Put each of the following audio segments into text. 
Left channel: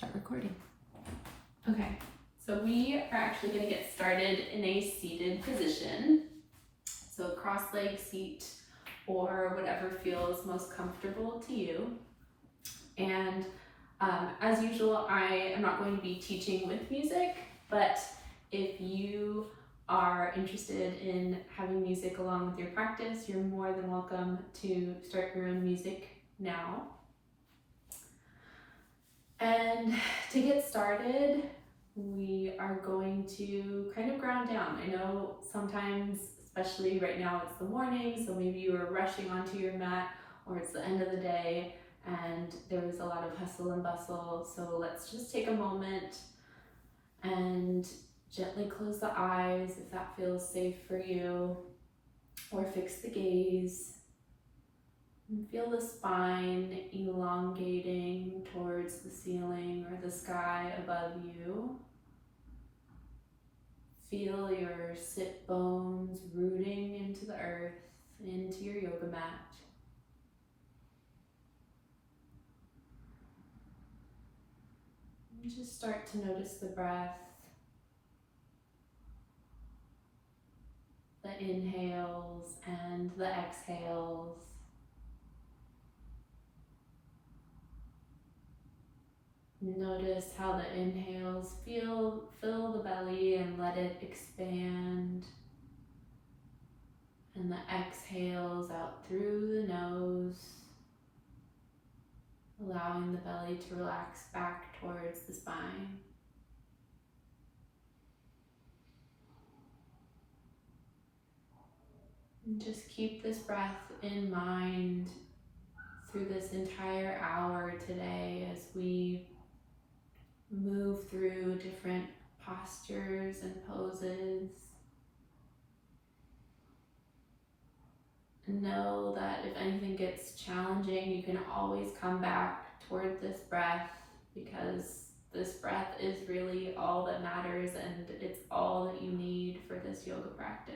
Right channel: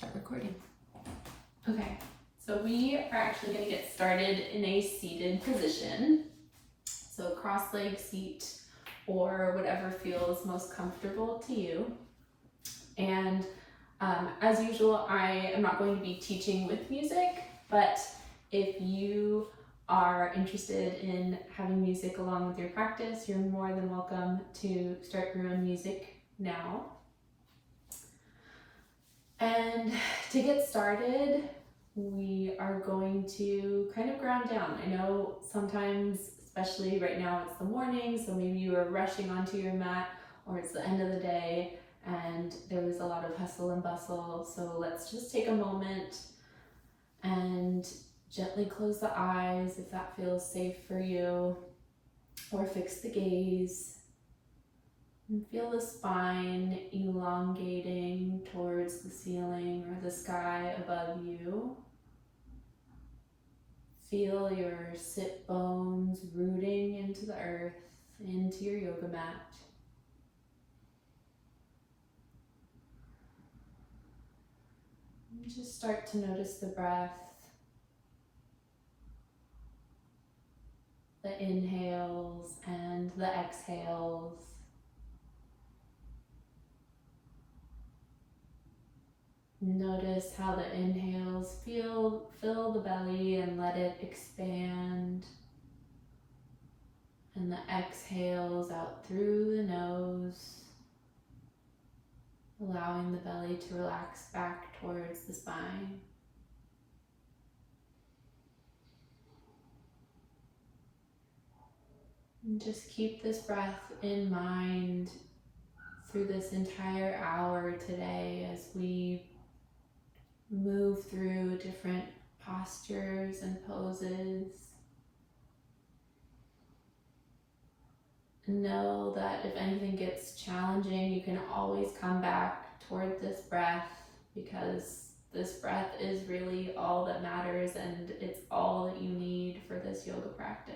Start recording. Okay, so we are actually going to get started in a seated position. So cross-leg seat or whatever feels most comfortable to you. And as usual, I am not going to be teaching with music, but if you are interested in having music along with your practice, you're more than welcome to start your own music now. And to get started, we are going to kind of ground down. I know sometimes, especially right now, it's the morning, so maybe you are rushing onto your mat, or it's the end of the day and there was a lot of hustle and bustle. So let's just take a moment and gently close the eyes if that feels safe for you, or fix the gaze. And feel the spine elongating towards the ceiling or the sky above you. Feel your sit bones rooting into the earth, into your yoga mat. And just start to notice the breath, the inhales and the exhales. Notice how the inhales fill the belly and let it expand, and the exhales out through the nose, allowing the belly to relax back towards the spine. And just keep this breath in mind through this entire hour today as we move through different postures and poses. Know that if anything gets challenging, you can always come back toward this breath, because this breath is really all that matters and it's all that you need for this yoga practice.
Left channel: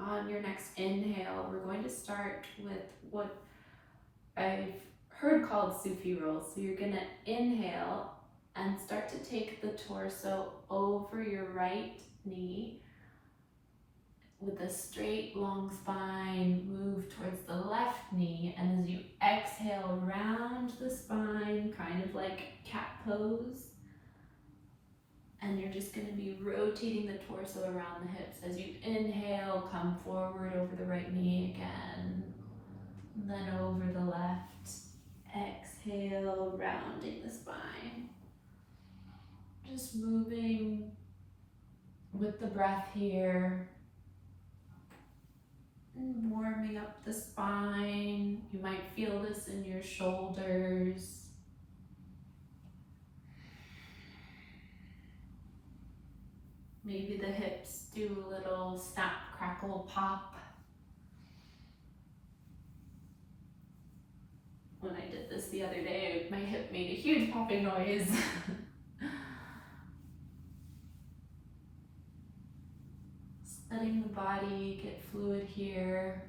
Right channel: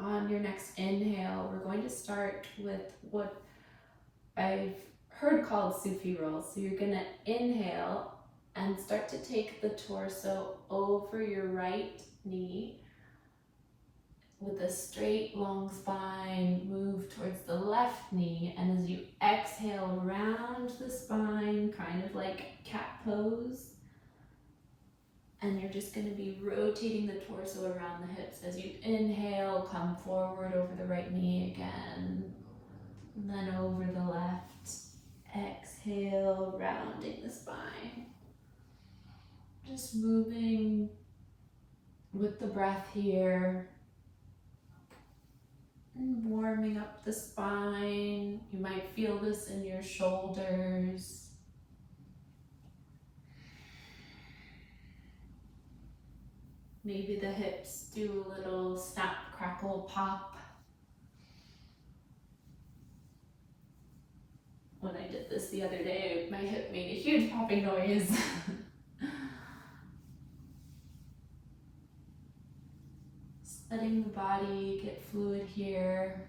On your next inhale, we're going to start with what I've heard called Sufi rolls. So you're going to inhale and start to take the torso over your right knee with a straight, long spine. Move towards the left knee, and as you exhale, round the spine, kind of like cat pose. And you're just going to be rotating the torso around the hips. As you inhale, come forward over the right knee again, and then over the left. Exhale, rounding the spine. Just moving with the breath here and warming up the spine. You might feel this in your shoulders. Maybe the hips do a little snap, crackle, pop. When I did this the other day, my hip made a huge popping noise. Just letting the body get fluid here.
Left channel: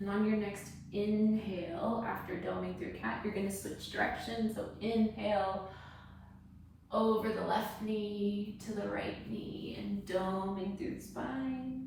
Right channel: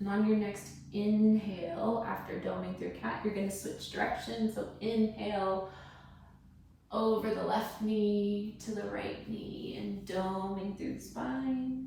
And on your next inhale, after doming through cat, you're going to switch directions. So inhale over the left knee to the right knee and doming through the spine.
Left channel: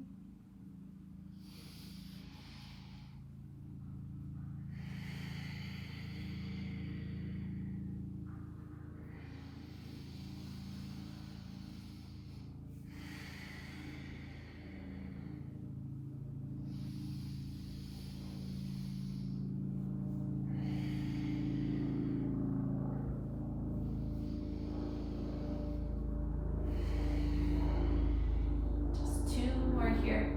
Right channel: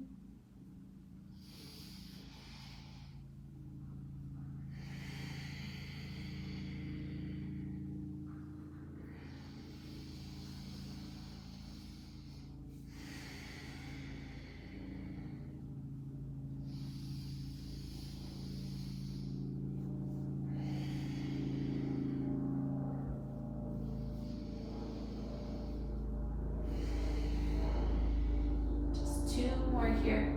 Here.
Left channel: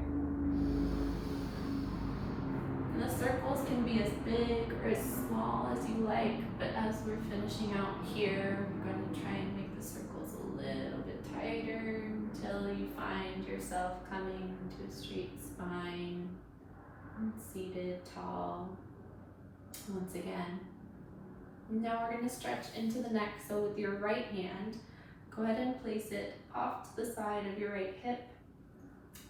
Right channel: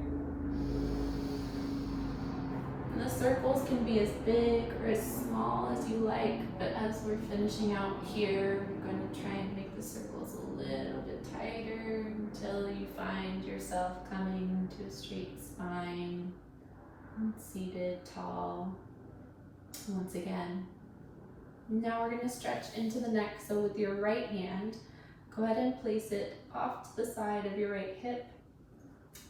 And the circles can be as big or as small as you like, but as we're finishing out here, we're going to try and make the circles a little bit tighter until you find yourself coming to a straight spine and seated tall once again. Now we're going to stretch into the neck. So with your right hand, go ahead and place it off to the side of your right hip.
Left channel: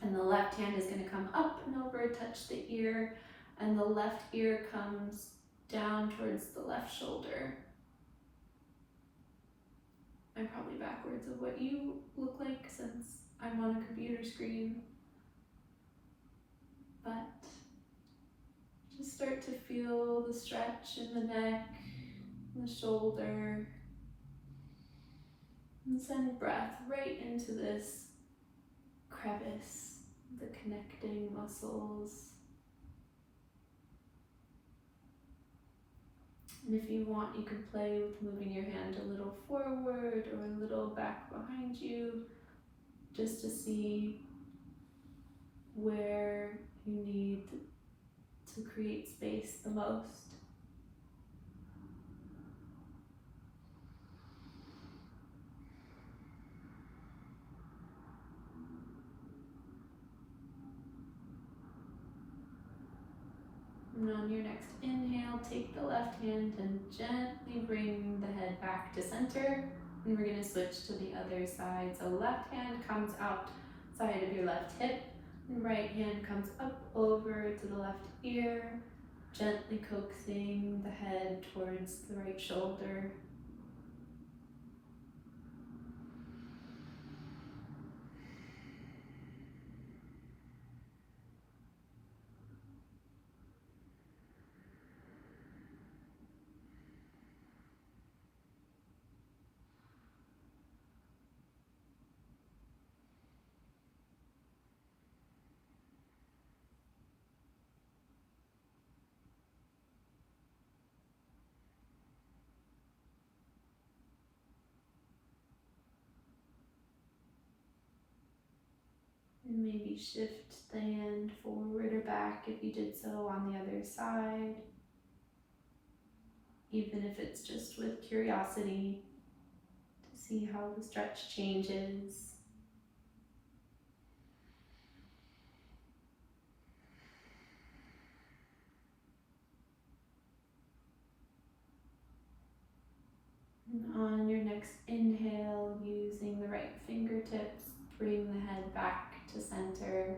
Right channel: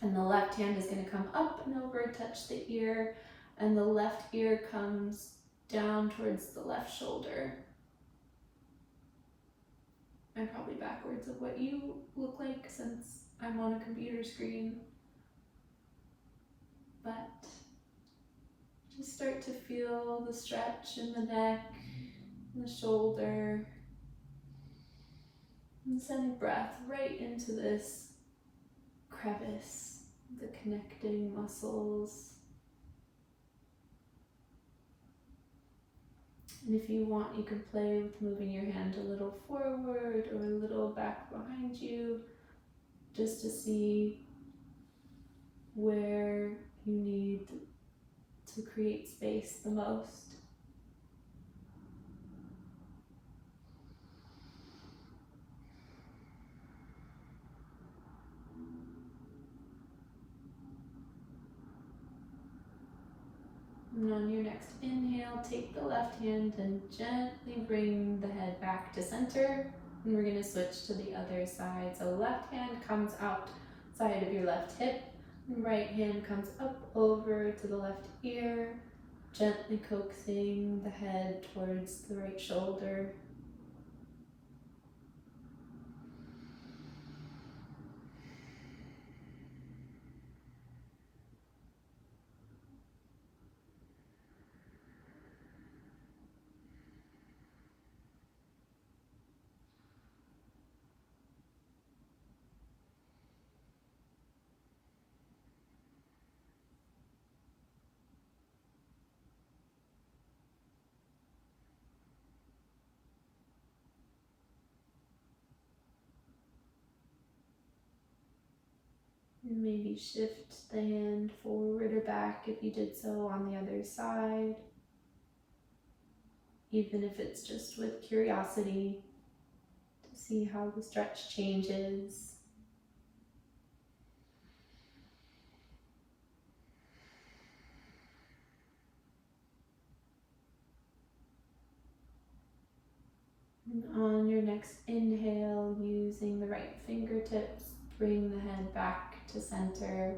And the left hand is going to come up and over, touch the ear, and the left ear comes down towards the left shoulder. I'm probably backwards of what you look like since I'm on a computer screen. But just start to feel the stretch in the neck, the shoulder, and send breath right into this crevice, the connecting muscles. And if you want, you can play with moving your hand a little forward or a little back behind you, just to see where you need to create space the most. And on your next inhale, take the left hand and gently bring the head back to center. And we're going to switch to the other side. So left hand comes outside of your left hip, and right hand comes up over to the left ear, gently coaxing the head towards the right shoulder. And maybe shift the hand forward or back if you did so on the other side, even if it's just with curiosity to see how the stretch changes. And on your next inhale, using the right fingertips, bring the head back to center.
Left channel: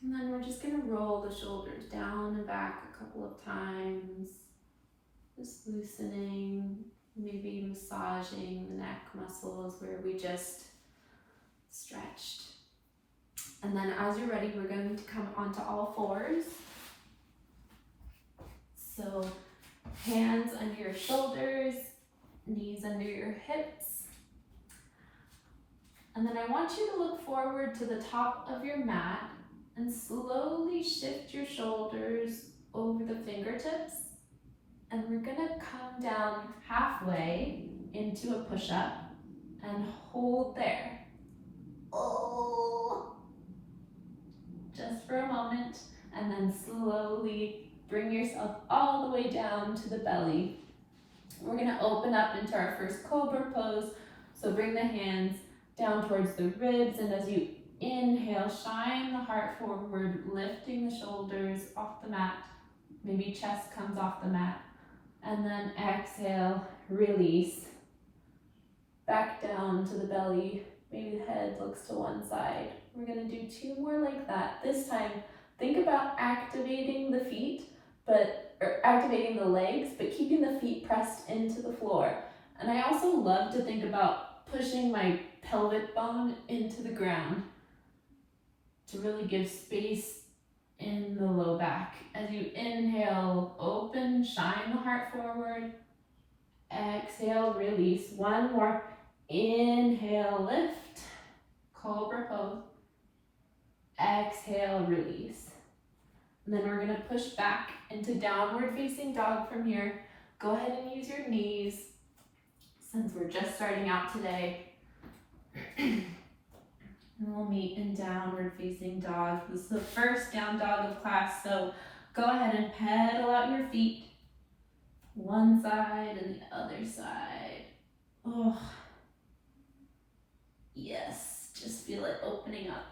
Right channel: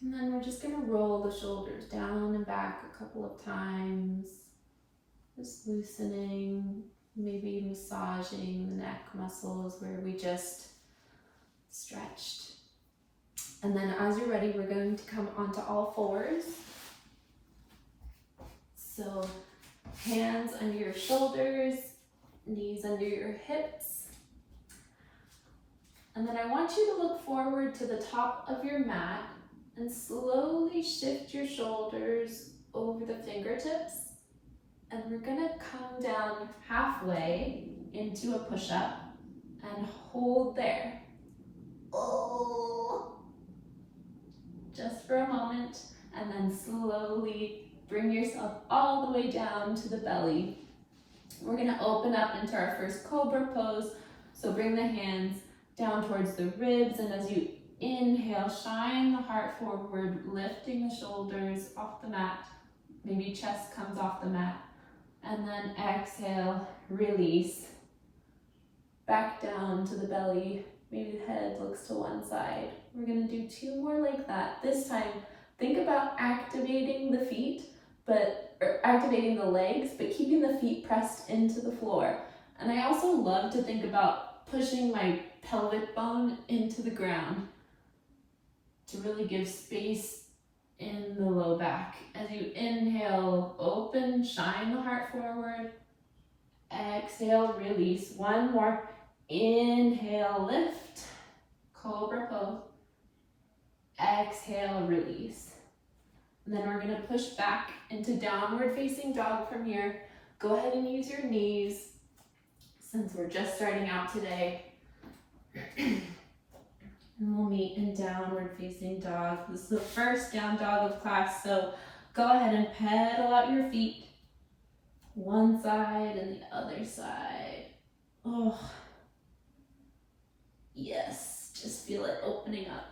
And then we're just going to roll the shoulders down and back a couple of times, just loosening, maybe massaging the neck muscles where we just stretched. And then as you're ready, we're going to come onto all fours. So hands under your shoulders, knees under your hips. And then I want you to look forward to the top of your mat and slowly shift your shoulders over the fingertips. And we're gonna come down halfway into a push-up and hold there. Oh, just for a moment, and then slowly bring yourself all the way down to the belly. We're gonna open up into our first cobra pose. So bring the hands down towards the ribs, and as you inhale, shine the heart forward, lifting the shoulders off the mat. Maybe chest comes off the mat. And then exhale, release. Back down to the belly. Maybe the head looks to one side. We're gonna do 2 more like that. This time, think about activating the feet, or activating the legs, but keeping the feet pressed into the floor. And I also love to think about pushing my pelvic bone into the ground to really give space in the low back. As you inhale, open, shine the heart forward. Exhale, release. 1 more. Inhale, lift, cobra pose. Exhale, release. And then we're gonna push back into downward facing dog from here. Go ahead and use your knees since we're just starting out today. And we'll meet in downward facing dog. This is the first down dog of class, so go ahead and pedal out your feet. One side and the other side. Oh, yes, just feel it opening up.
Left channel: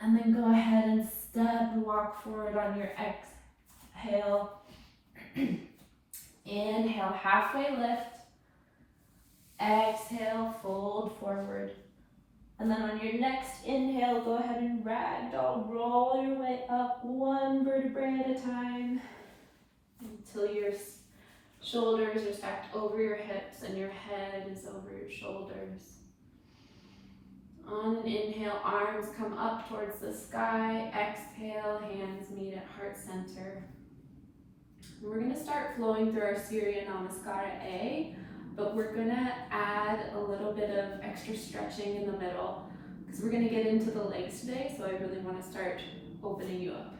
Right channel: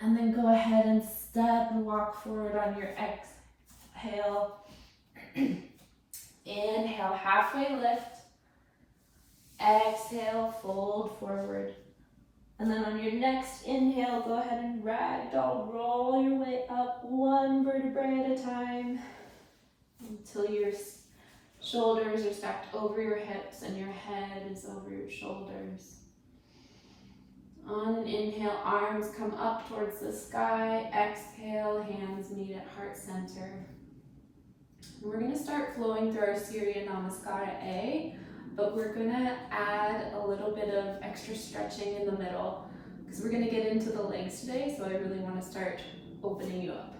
And then go ahead and step and walk forward on your exhale. Inhale, halfway lift. Exhale, fold forward. And then on your next inhale, go ahead and ragdoll, roll your way up one vertebrae at a time until your shoulders are stacked over your hips and your head is over your shoulders. On an inhale, arms come up towards the sky. Exhale, hands meet at heart center. And we're going to start flowing through our Surya Namaskara A, but we're going to add a little bit of extra stretching in the middle because we're going to get into the legs today, so I really want to start opening you up.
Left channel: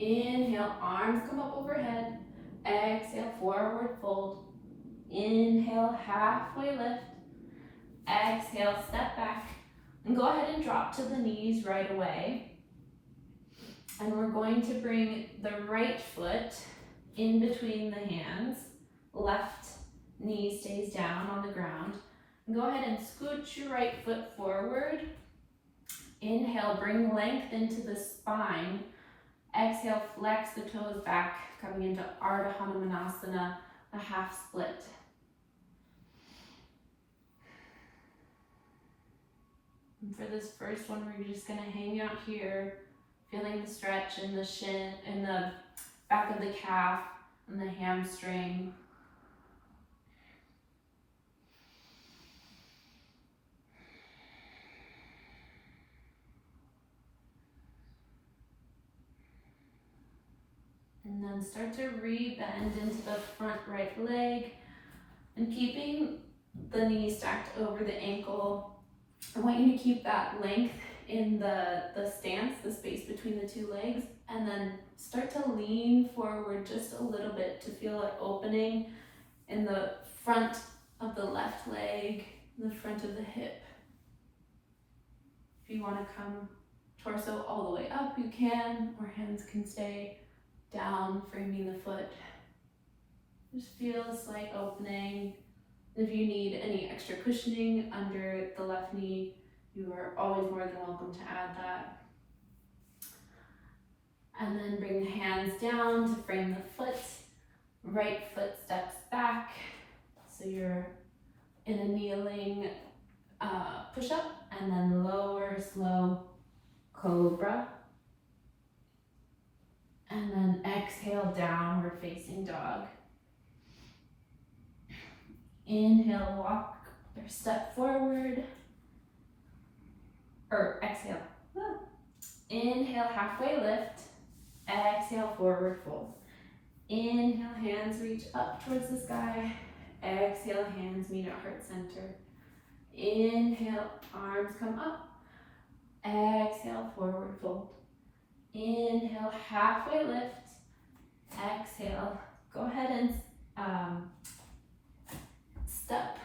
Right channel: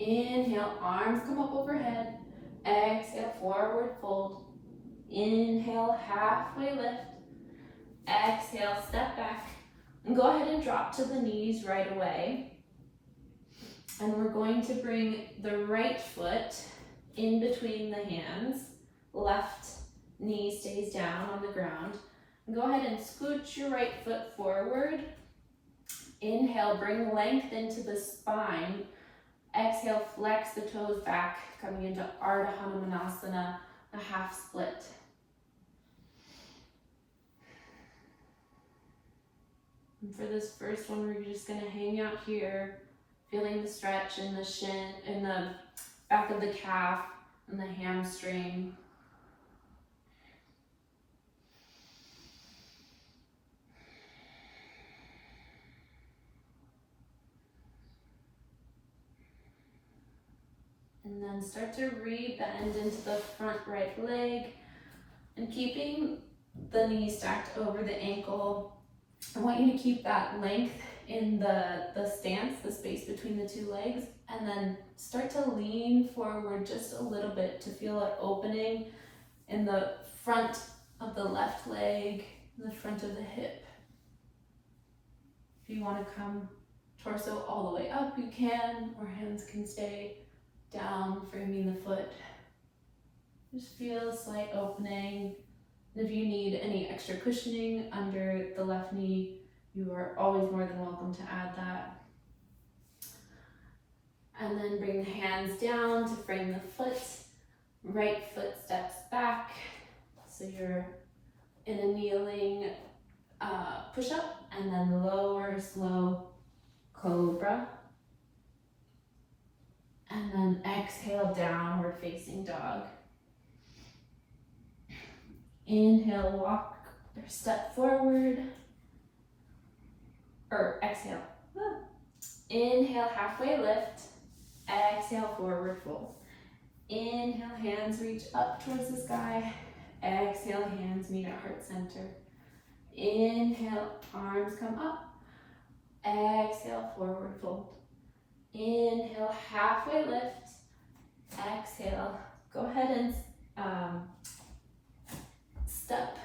Inhale, arms come up overhead. Exhale, forward fold. Inhale, halfway lift. Exhale, step back. And go ahead and drop to the knees right away. And we're going to bring the right foot in between the hands. Left knee stays down on the ground. And go ahead and scooch your right foot forward. Inhale, bring length into the spine. Exhale, flex the toes back, coming into Ardha Hanumanasana, a half split. And for this first one, we're just gonna hang out here, feeling the stretch in the shin, in the back of the calf and the hamstring. And then start to re-bend into the front right leg. And keeping the knee stacked over the ankle, I want you to keep that length in the stance, the space between the two legs, and then start to lean forward just a little bit to feel an opening in the front of the left leg, the front of the hip. If you want to come torso all the way up, you can, or hands can stay down, framing the foot. Just feel a slight opening. If you need any extra cushioning under the left knee, you are always more than welcome to add that. And then bring the hands down to frame the foot. Right foot steps back, so you're in a kneeling push-up, and then lower, slow cobra. And then exhale, downward facing dog. Inhale, walk or step forward. Or exhale. Inhale, halfway lift. Exhale, forward fold. Inhale, hands reach up towards the sky. Exhale, hands meet at heart center. Inhale, arms come up. Exhale, forward fold. Inhale, halfway lift. Exhale, go ahead and step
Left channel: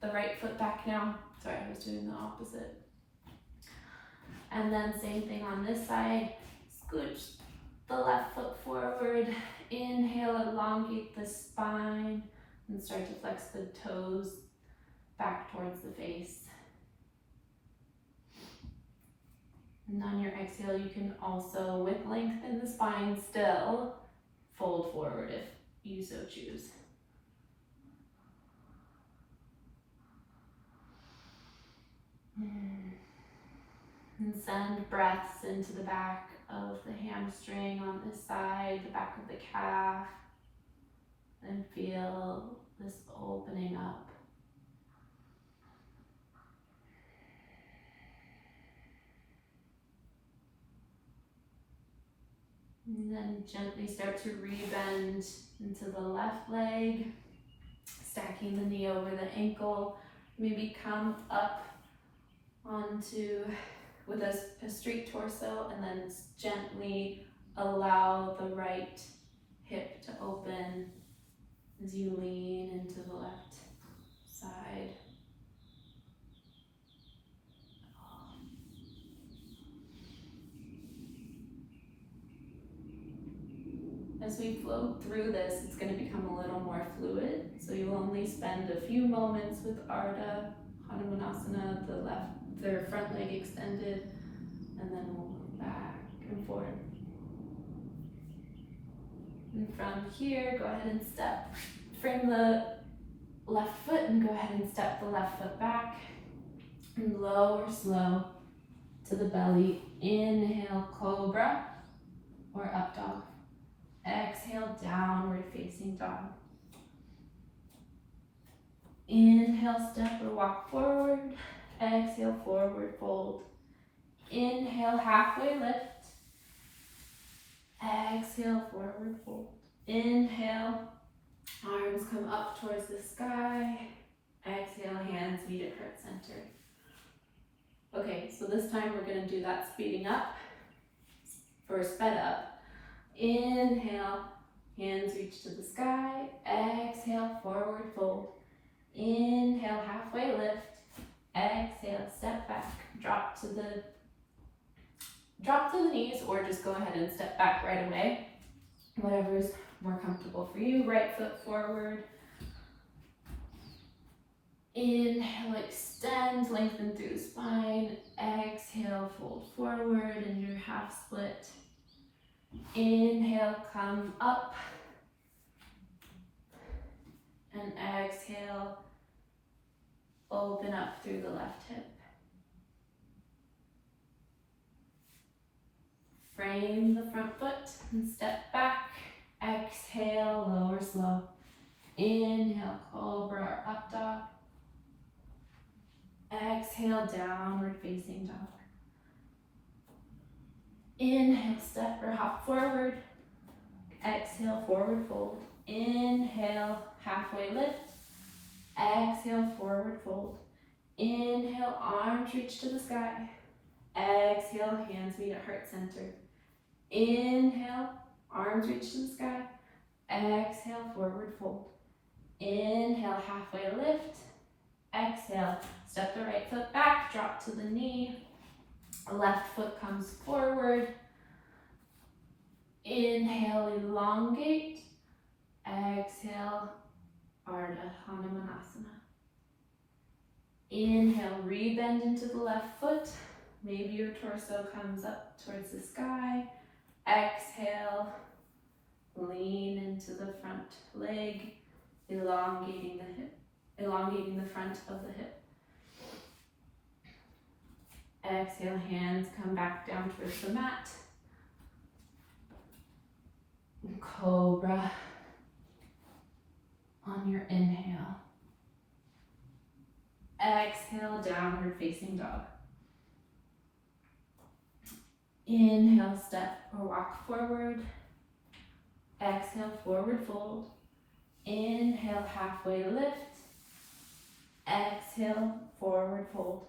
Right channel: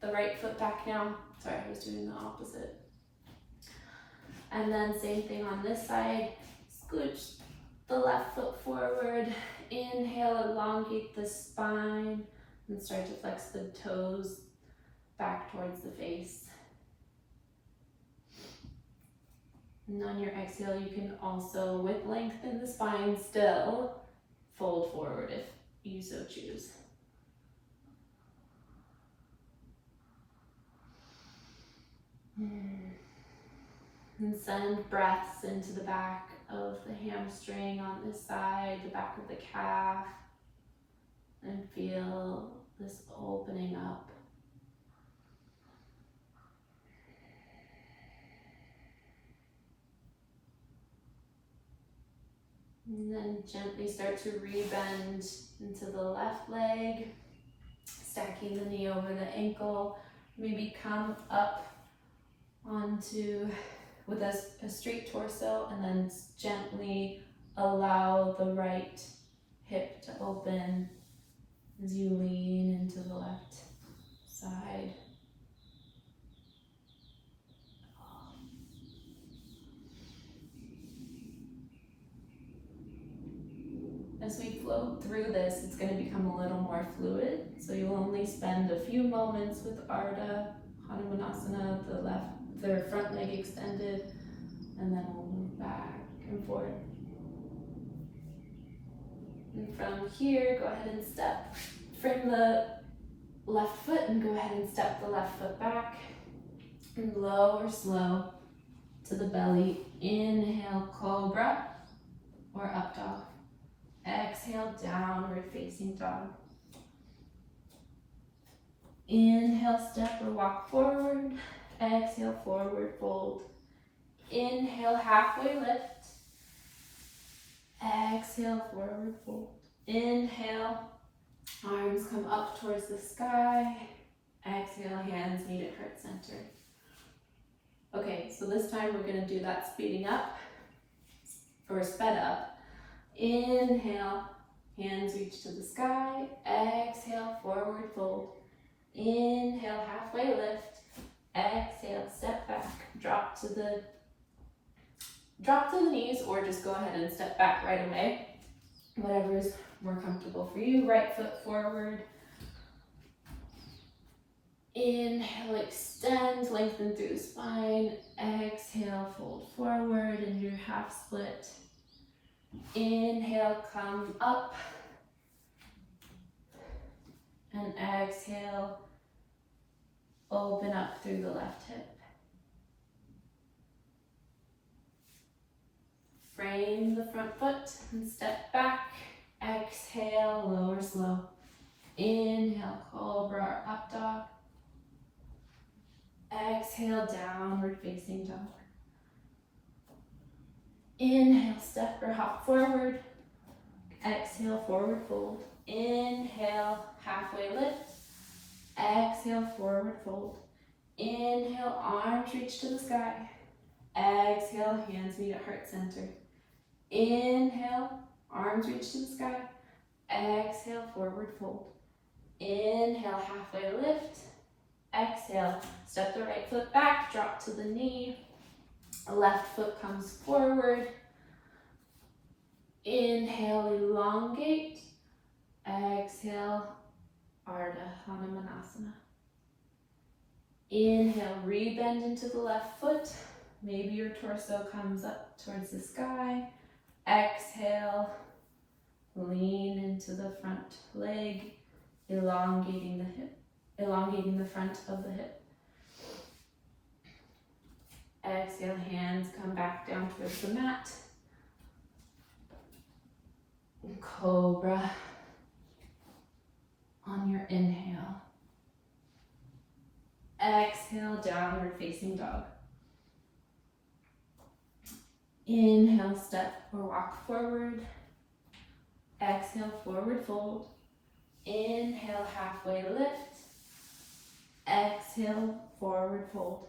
the right foot back now. Sorry, I was doing the opposite. And then same thing on this side. Scooch the left foot forward. Inhale, elongate the spine and start to flex the toes back towards the face. And on your exhale, you can also, with length in the spine still, fold forward if you so choose. And send breaths into the back of the hamstring on this side, the back of the calf, and feel this opening up. And then gently start to rebend into the left leg, stacking the knee over the ankle. Maybe come up onto with a straight torso, and then gently allow the right hip to open as you lean into the left side. As we float through this, it's going to become a little more fluid, so you'll only spend a few moments with Ardha Hanumanasana, the front leg extended, and then we'll move back and forth. And from here, go ahead and frame the left foot and go ahead and step the left foot back. And lower slow to the belly. Inhale, cobra or up dog. Exhale, downward facing dog. Inhale, step or walk forward. Exhale, forward fold. Inhale, halfway lift. Exhale, forward fold. Inhale, arms come up towards the sky. Exhale, hands meet at heart center. Okay, so this time we're gonna do that speeding up or sped up. Inhale, hands reach to the sky. Exhale, forward fold. Inhale, halfway lift. Exhale, step back. Drop to the knees, or just go ahead and step back right away. Whatever is more comfortable for you. Right foot forward. Inhale, extend, lengthen through the spine. Exhale, fold forward into your half split. Inhale, come up. And exhale, open up through the left hip. Frame the front foot and step back. Exhale, lower slow. Inhale, cobra or up dog. Exhale, downward facing dog. Inhale, step or hop forward. Exhale, forward fold. Inhale, halfway lift. Exhale, forward fold. Inhale, arms reach to the sky. Exhale, hands meet at heart center. Inhale, arms reach to the sky. Exhale, forward fold. Inhale, halfway lift. Exhale, step the right foot back, drop to the knee. Left foot comes forward. Inhale, elongate. Exhale, Ardha Hanumanasana. Inhale, rebend into the left foot. Maybe your torso comes up towards the sky. Exhale, lean into the front leg, elongating the hip, elongating the front of the hip. Exhale, hands come back down towards the mat. Cobra on your inhale. Exhale, downward facing dog. Inhale, step or walk forward. Exhale, forward fold. Inhale, halfway lift. Exhale, forward fold.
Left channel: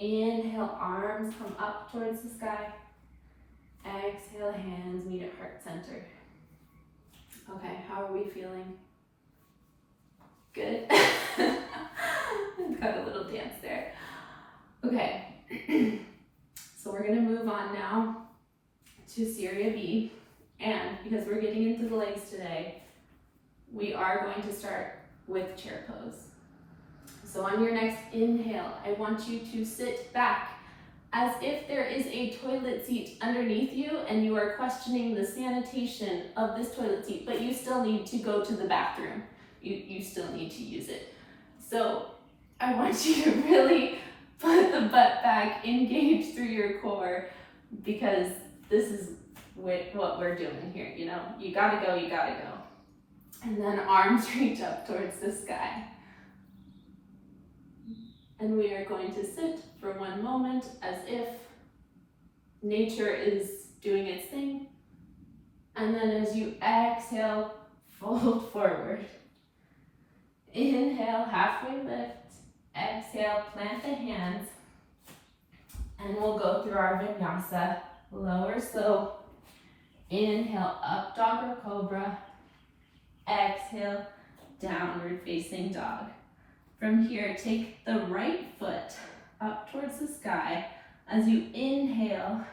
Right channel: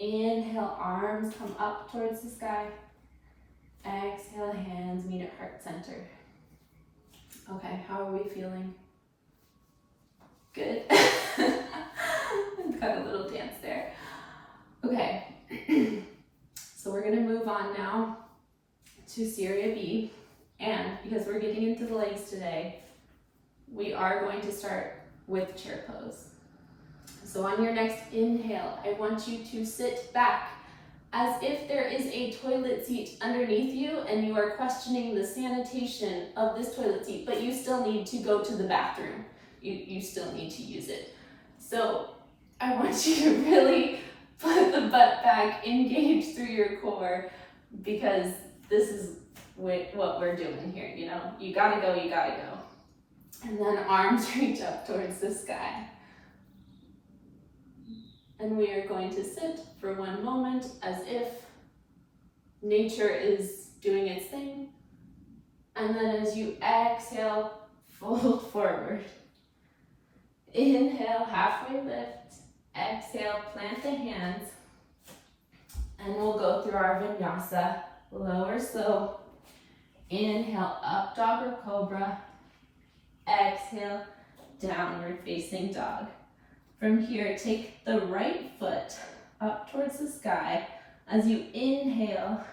Inhale, arms come up towards the sky. Exhale, hands meet at heart center. Okay, how are we feeling? Good? Got a little dance there. Okay, so we're gonna move on now to Syria B. And because we're getting into the legs today, we are going to start with chair pose. So on your next inhale, I want you to sit back as if there is a toilet seat underneath you and you are questioning the sanitation of this toilet seat, but you still need to go to the bathroom. You still need to use it. So I want you to really put the butt back, engage through your core, because this is what we're doing here, you know? You gotta go, you gotta go. And then arms reach up towards the sky. And we are going to sit for one moment as if nature is doing its thing. And then as you exhale, fold forward. Inhale, halfway lift. Exhale, plant the hands. And we'll go through our vinyasa. Lower slow. Inhale, up dog or cobra. Exhale, downward facing dog. From here, take the right foot up towards the sky. As you inhale,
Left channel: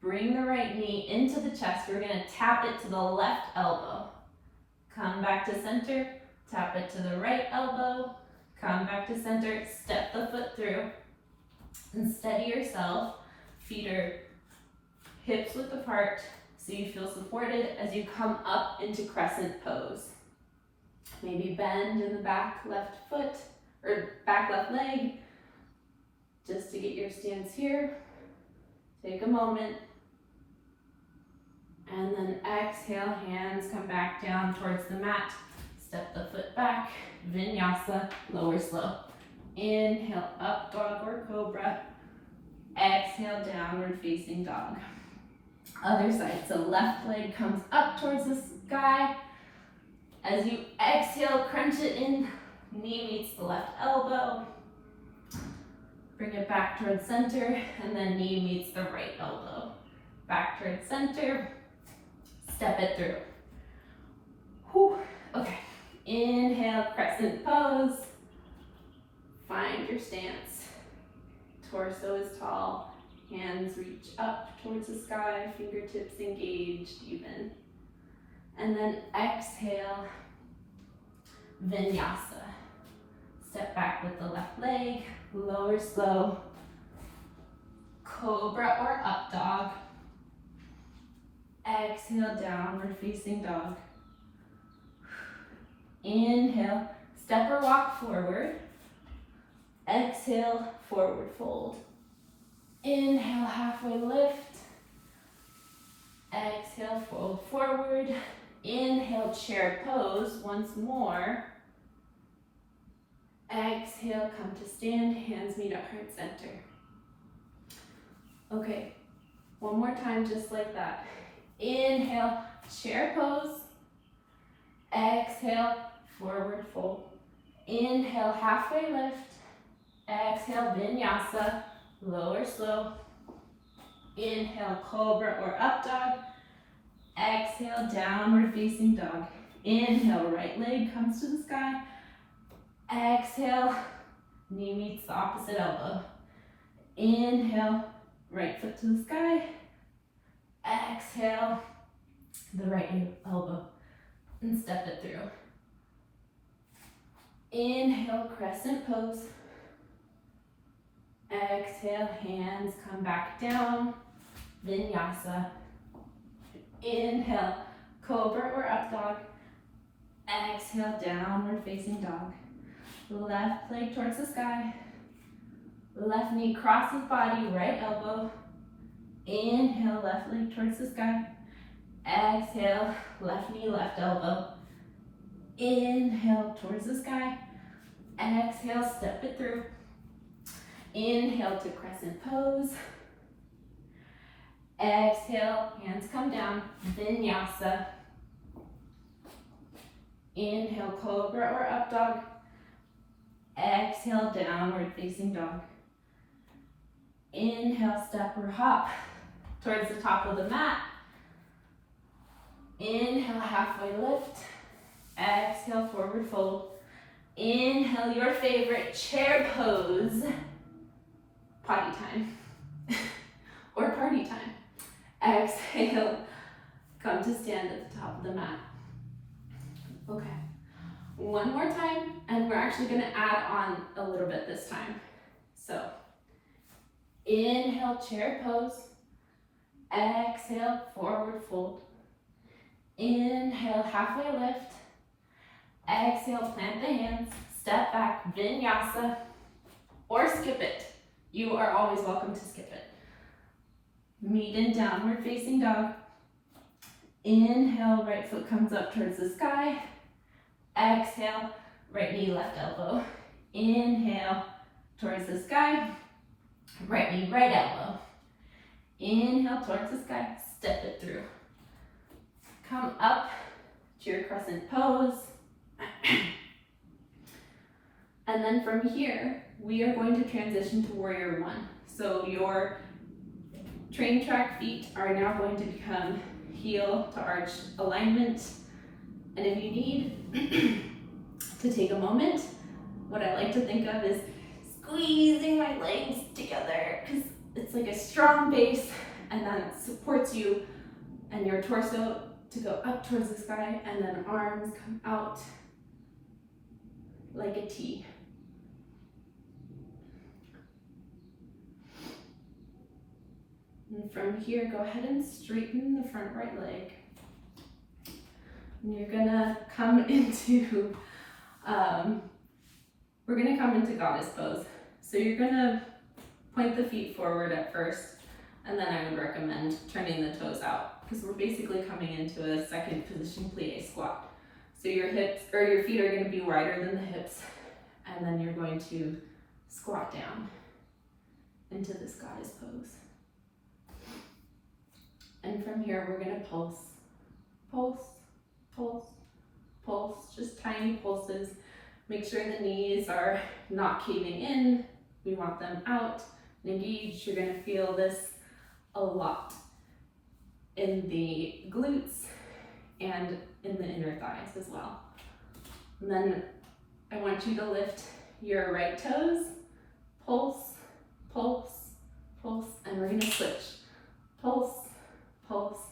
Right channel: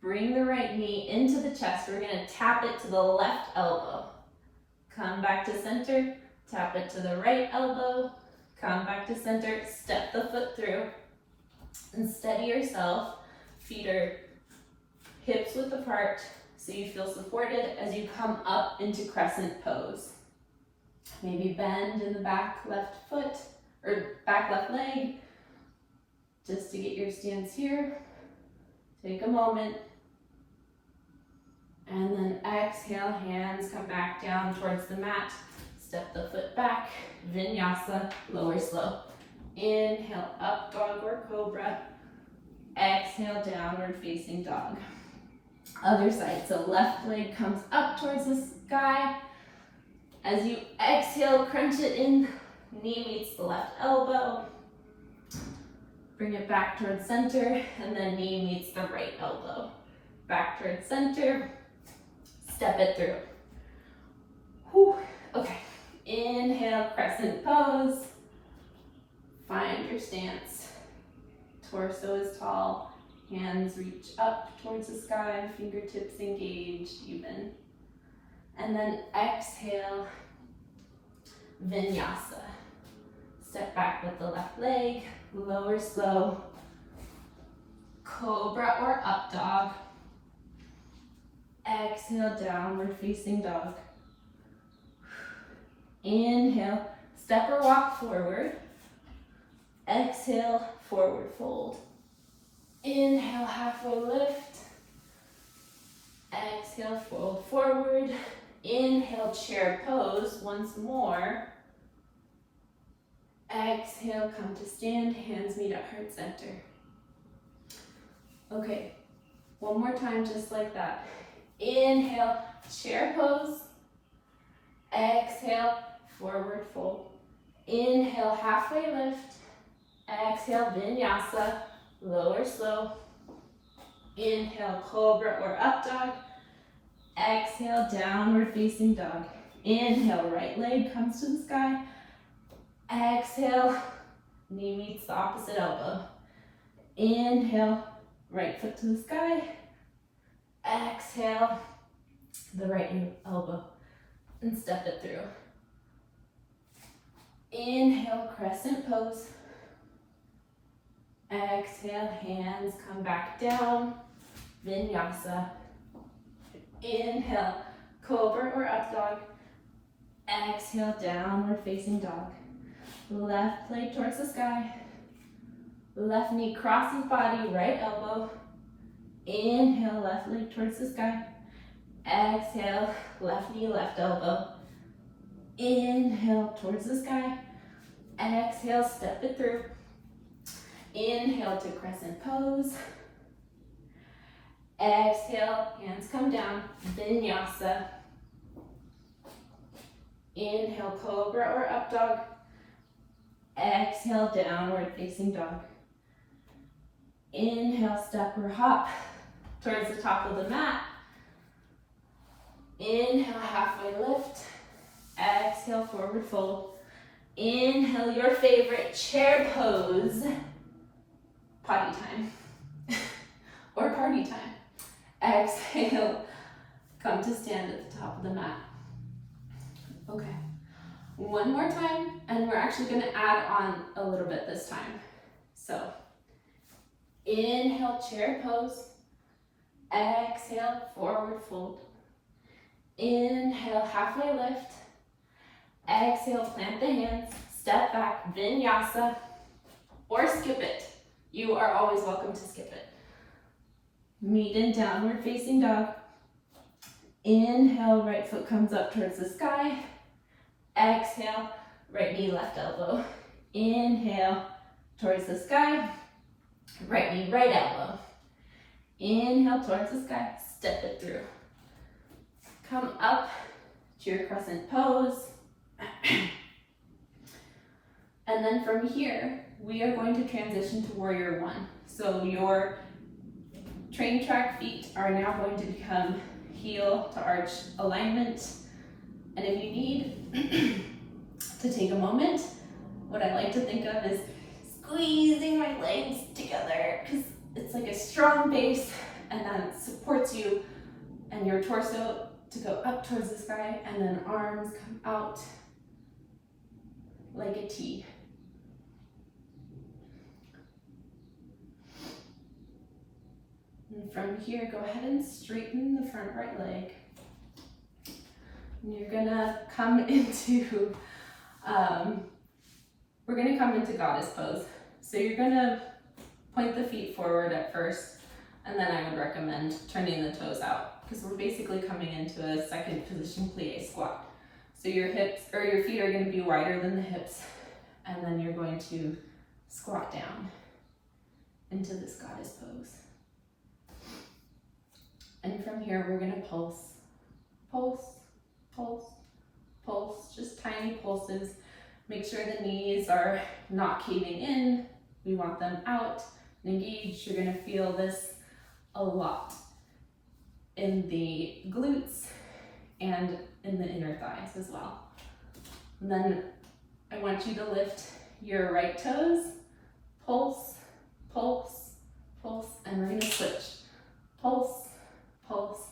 bring the right knee into the chest. We're gonna tap it to the left elbow. Come back to center, tap it to the right elbow. Come back to center, step the foot through, and steady yourself. Feet are hips width apart, so you feel supported as you come up into crescent pose. Maybe bend in the back left foot, or back left leg. Just to get your stance here, take a moment. And then exhale, hands come back down towards the mat. Step the foot back, vinyasa, lower slow. Inhale, up dog or cobra. Exhale, downward facing dog. Other side, so left leg comes up towards the sky. As you exhale, crunch it in, knee meets the left elbow. Bring it back towards center, and then knee meets the right elbow. Back towards center, step it through. Whew. Okay, inhale, crescent pose. Find your stance. Torso is tall, hands reach up towards the sky, fingertips engaged even. And then exhale, vinyasa. Step back with the left leg, lower slow, cobra or up dog. Exhale, downward facing dog. Inhale, step or walk forward. Exhale, forward fold. Inhale, halfway lift. Exhale, fold forward. Inhale, chair pose once more. Exhale, come to stand, hands meet at heart center. Okay, one more time just like that. Inhale, chair pose. Exhale, forward fold. Inhale, halfway lift. Exhale, vinyasa, lower slow. Inhale, cobra or up dog. Exhale, downward facing dog. Inhale, right leg comes to the sky. Exhale, knee meets the opposite elbow. Inhale, right foot to the sky. Exhale, the right elbow, and step it through. Inhale, crescent pose. Exhale, hands come back down, vinyasa. Inhale, cobra or up dog. Exhale, downward facing dog. Left leg towards the sky. Left knee crosses body, right elbow. Inhale, left leg towards the sky. Exhale, left knee, left elbow. Inhale, towards the sky. Exhale, step it through. Inhale to crescent pose. Exhale, hands come down, vinyasa. Inhale, cobra or up dog. Exhale, downward facing dog. Inhale, step or hop towards the top of the mat. Inhale, halfway lift. Exhale, forward fold. Inhale, your favorite chair pose. Potty time or party time. Exhale, come to stand at the top of the mat. Okay, one more time, and we're actually going to add on a little bit this time. So, inhale, chair pose. Exhale, forward fold. Inhale, halfway lift. Exhale, plant the hands. Step back, vinyasa, or skip it. You are always welcome to skip it. Meet in downward facing dog. Inhale, right foot comes up towards the sky. Exhale, right knee, left elbow. Inhale, towards the sky. Right knee, right elbow. Inhale, towards the sky. Step it through. Come up to your crescent pose. And then from here, we are going to transition to warrior one. So your train track feet are now going to become heel to arch alignment. And if you need to take a moment, what I like to think of is squeezing my legs together, because it's like a strong base, and then it supports you and your torso to go up towards the sky, and then arms come out like a T. And from here, go ahead and straighten the front right leg. And you're gonna come into, we're gonna come into goddess pose. So you're gonna point the feet forward at first, and then I would recommend turning the toes out because we're basically coming into a second position plie squat. So your hips or your feet are going to be wider than the hips, and then you're going to squat down into this goddess pose. And from here, we're going to pulse, pulse, pulse, pulse, just tiny pulses. Make sure the knees are not caving in. We want them out and engaged. You're going to feel this a lot in the glutes and in the inner thighs as well. And then I want you to lift your right toes, pulse, pulse, pulse, and we're going to switch. Pulse, pulse,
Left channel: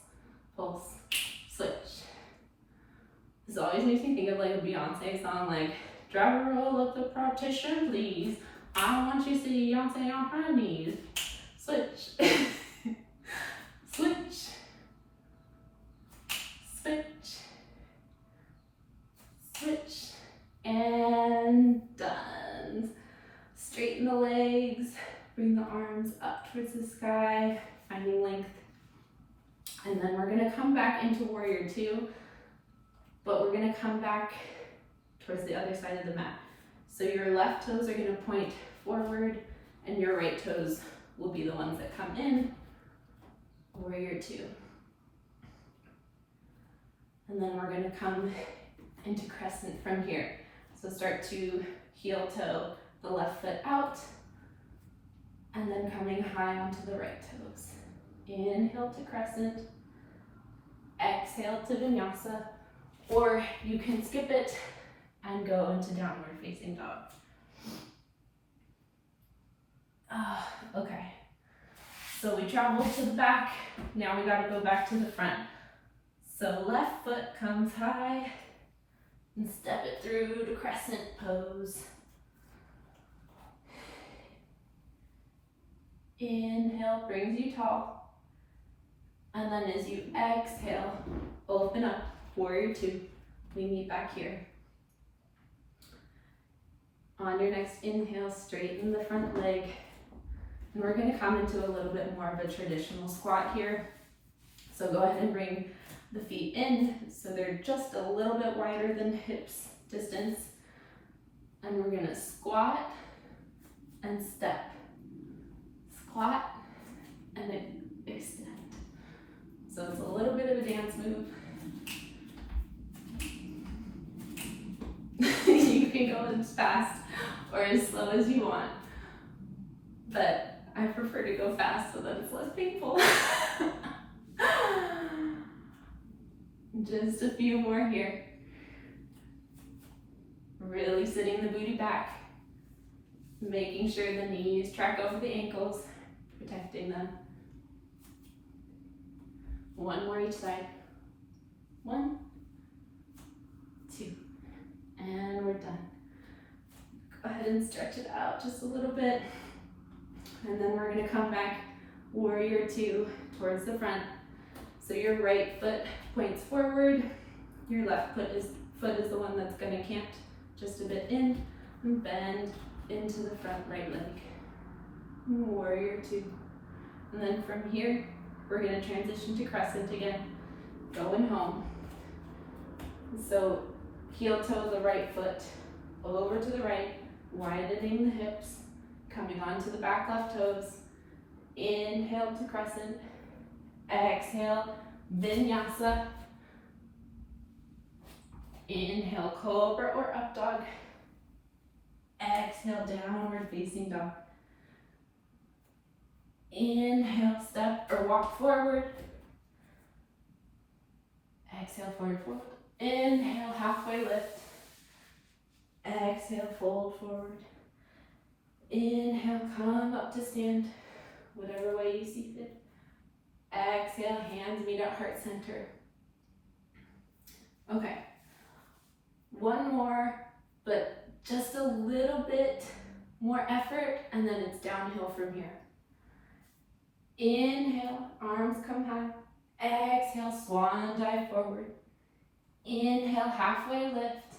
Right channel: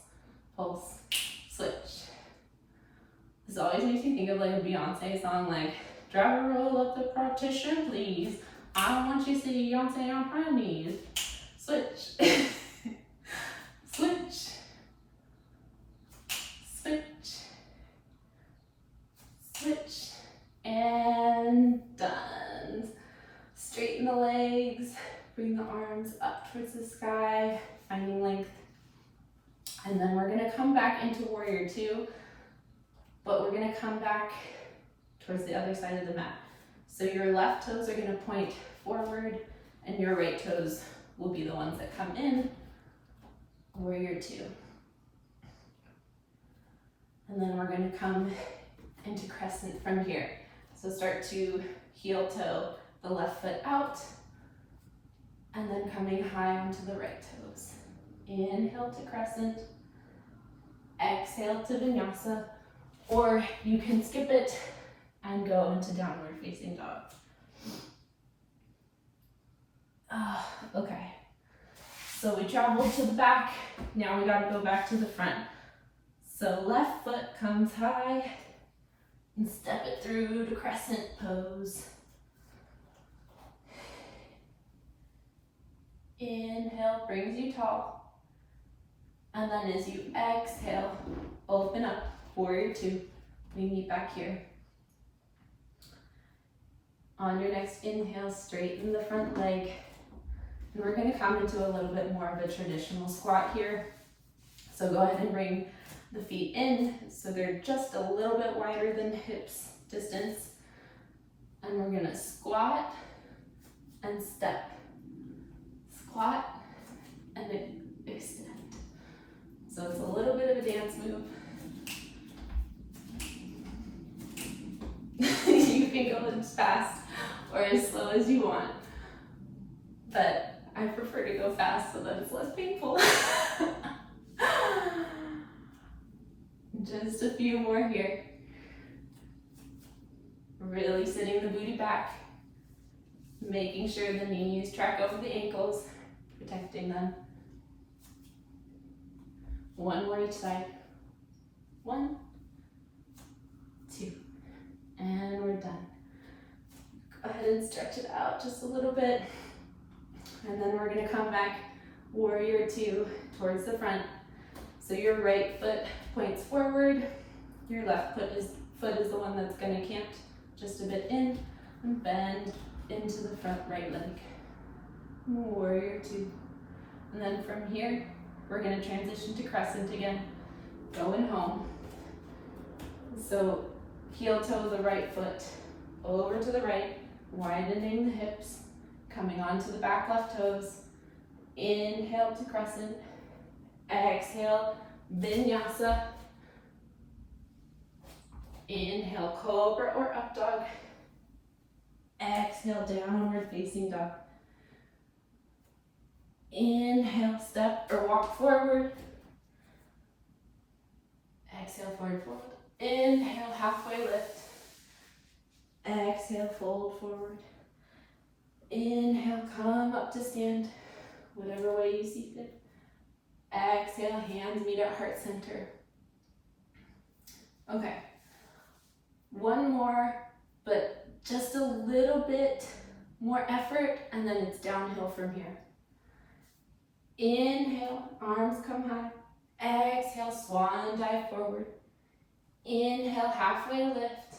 pulse, switch. This always makes me think of like a Beyonce song, like, driver roll up the partition, please. I don't want you to see Beyonce on her knees. Switch. Switch. Switch. Switch. And done. Straighten the legs. Bring the arms up towards the sky, finding length. And then we're gonna come back into warrior two, but we're gonna come back towards the other side of the mat. So your left toes are gonna point forward and your right toes will be the ones that come in, warrior two. And then we're gonna come into crescent from here. So start to heel toe the left foot out, and then coming high onto the right toes. Inhale to crescent, exhale to vinyasa, or you can skip it and go into downward facing dog. Okay, so we traveled to the back, now we gotta go back to the front. So left foot comes high and step it through to crescent pose. Inhale brings you tall, and then as you exhale, open up, warrior two. We meet back here. On your next inhale, straighten the front leg, and we're going to come into a little bit more of a traditional squat here. So go ahead and bring the feet in so they're just a little bit wider than hips distance, and we're going to squat and step. Squat and then extend. So it's a little bit of a dance move. You can go as fast or as slow as you want, but I prefer to go fast so that it's less painful. Just a few more here. Really sitting the booty back, making sure the knees track over the ankles, protecting them. One more each side. 1, 2, and we're done. Go ahead and stretch it out just a little bit, and then we're going to come back warrior two towards the front. So your right foot points forward, your left foot is the one that's going to cant just a bit in and bend into the front right leg. Warrior two. And then from here, we're going to transition to crescent again, going home. So heel toe the right foot over to the right, widening the hips, coming onto the back left toes. Inhale to crescent, exhale, vinyasa. Inhale, cobra or up dog. Exhale, downward facing dog. Inhale, step or walk forward. Exhale, forward fold. Inhale, halfway lift. Exhale, fold forward. Inhale, come up to stand, whatever way you see fit. Exhale, hands meet at heart center. Okay, one more, but just a little bit more effort, and then it's downhill from here. Inhale, arms come high. Exhale, swan dive forward. Inhale, halfway lift.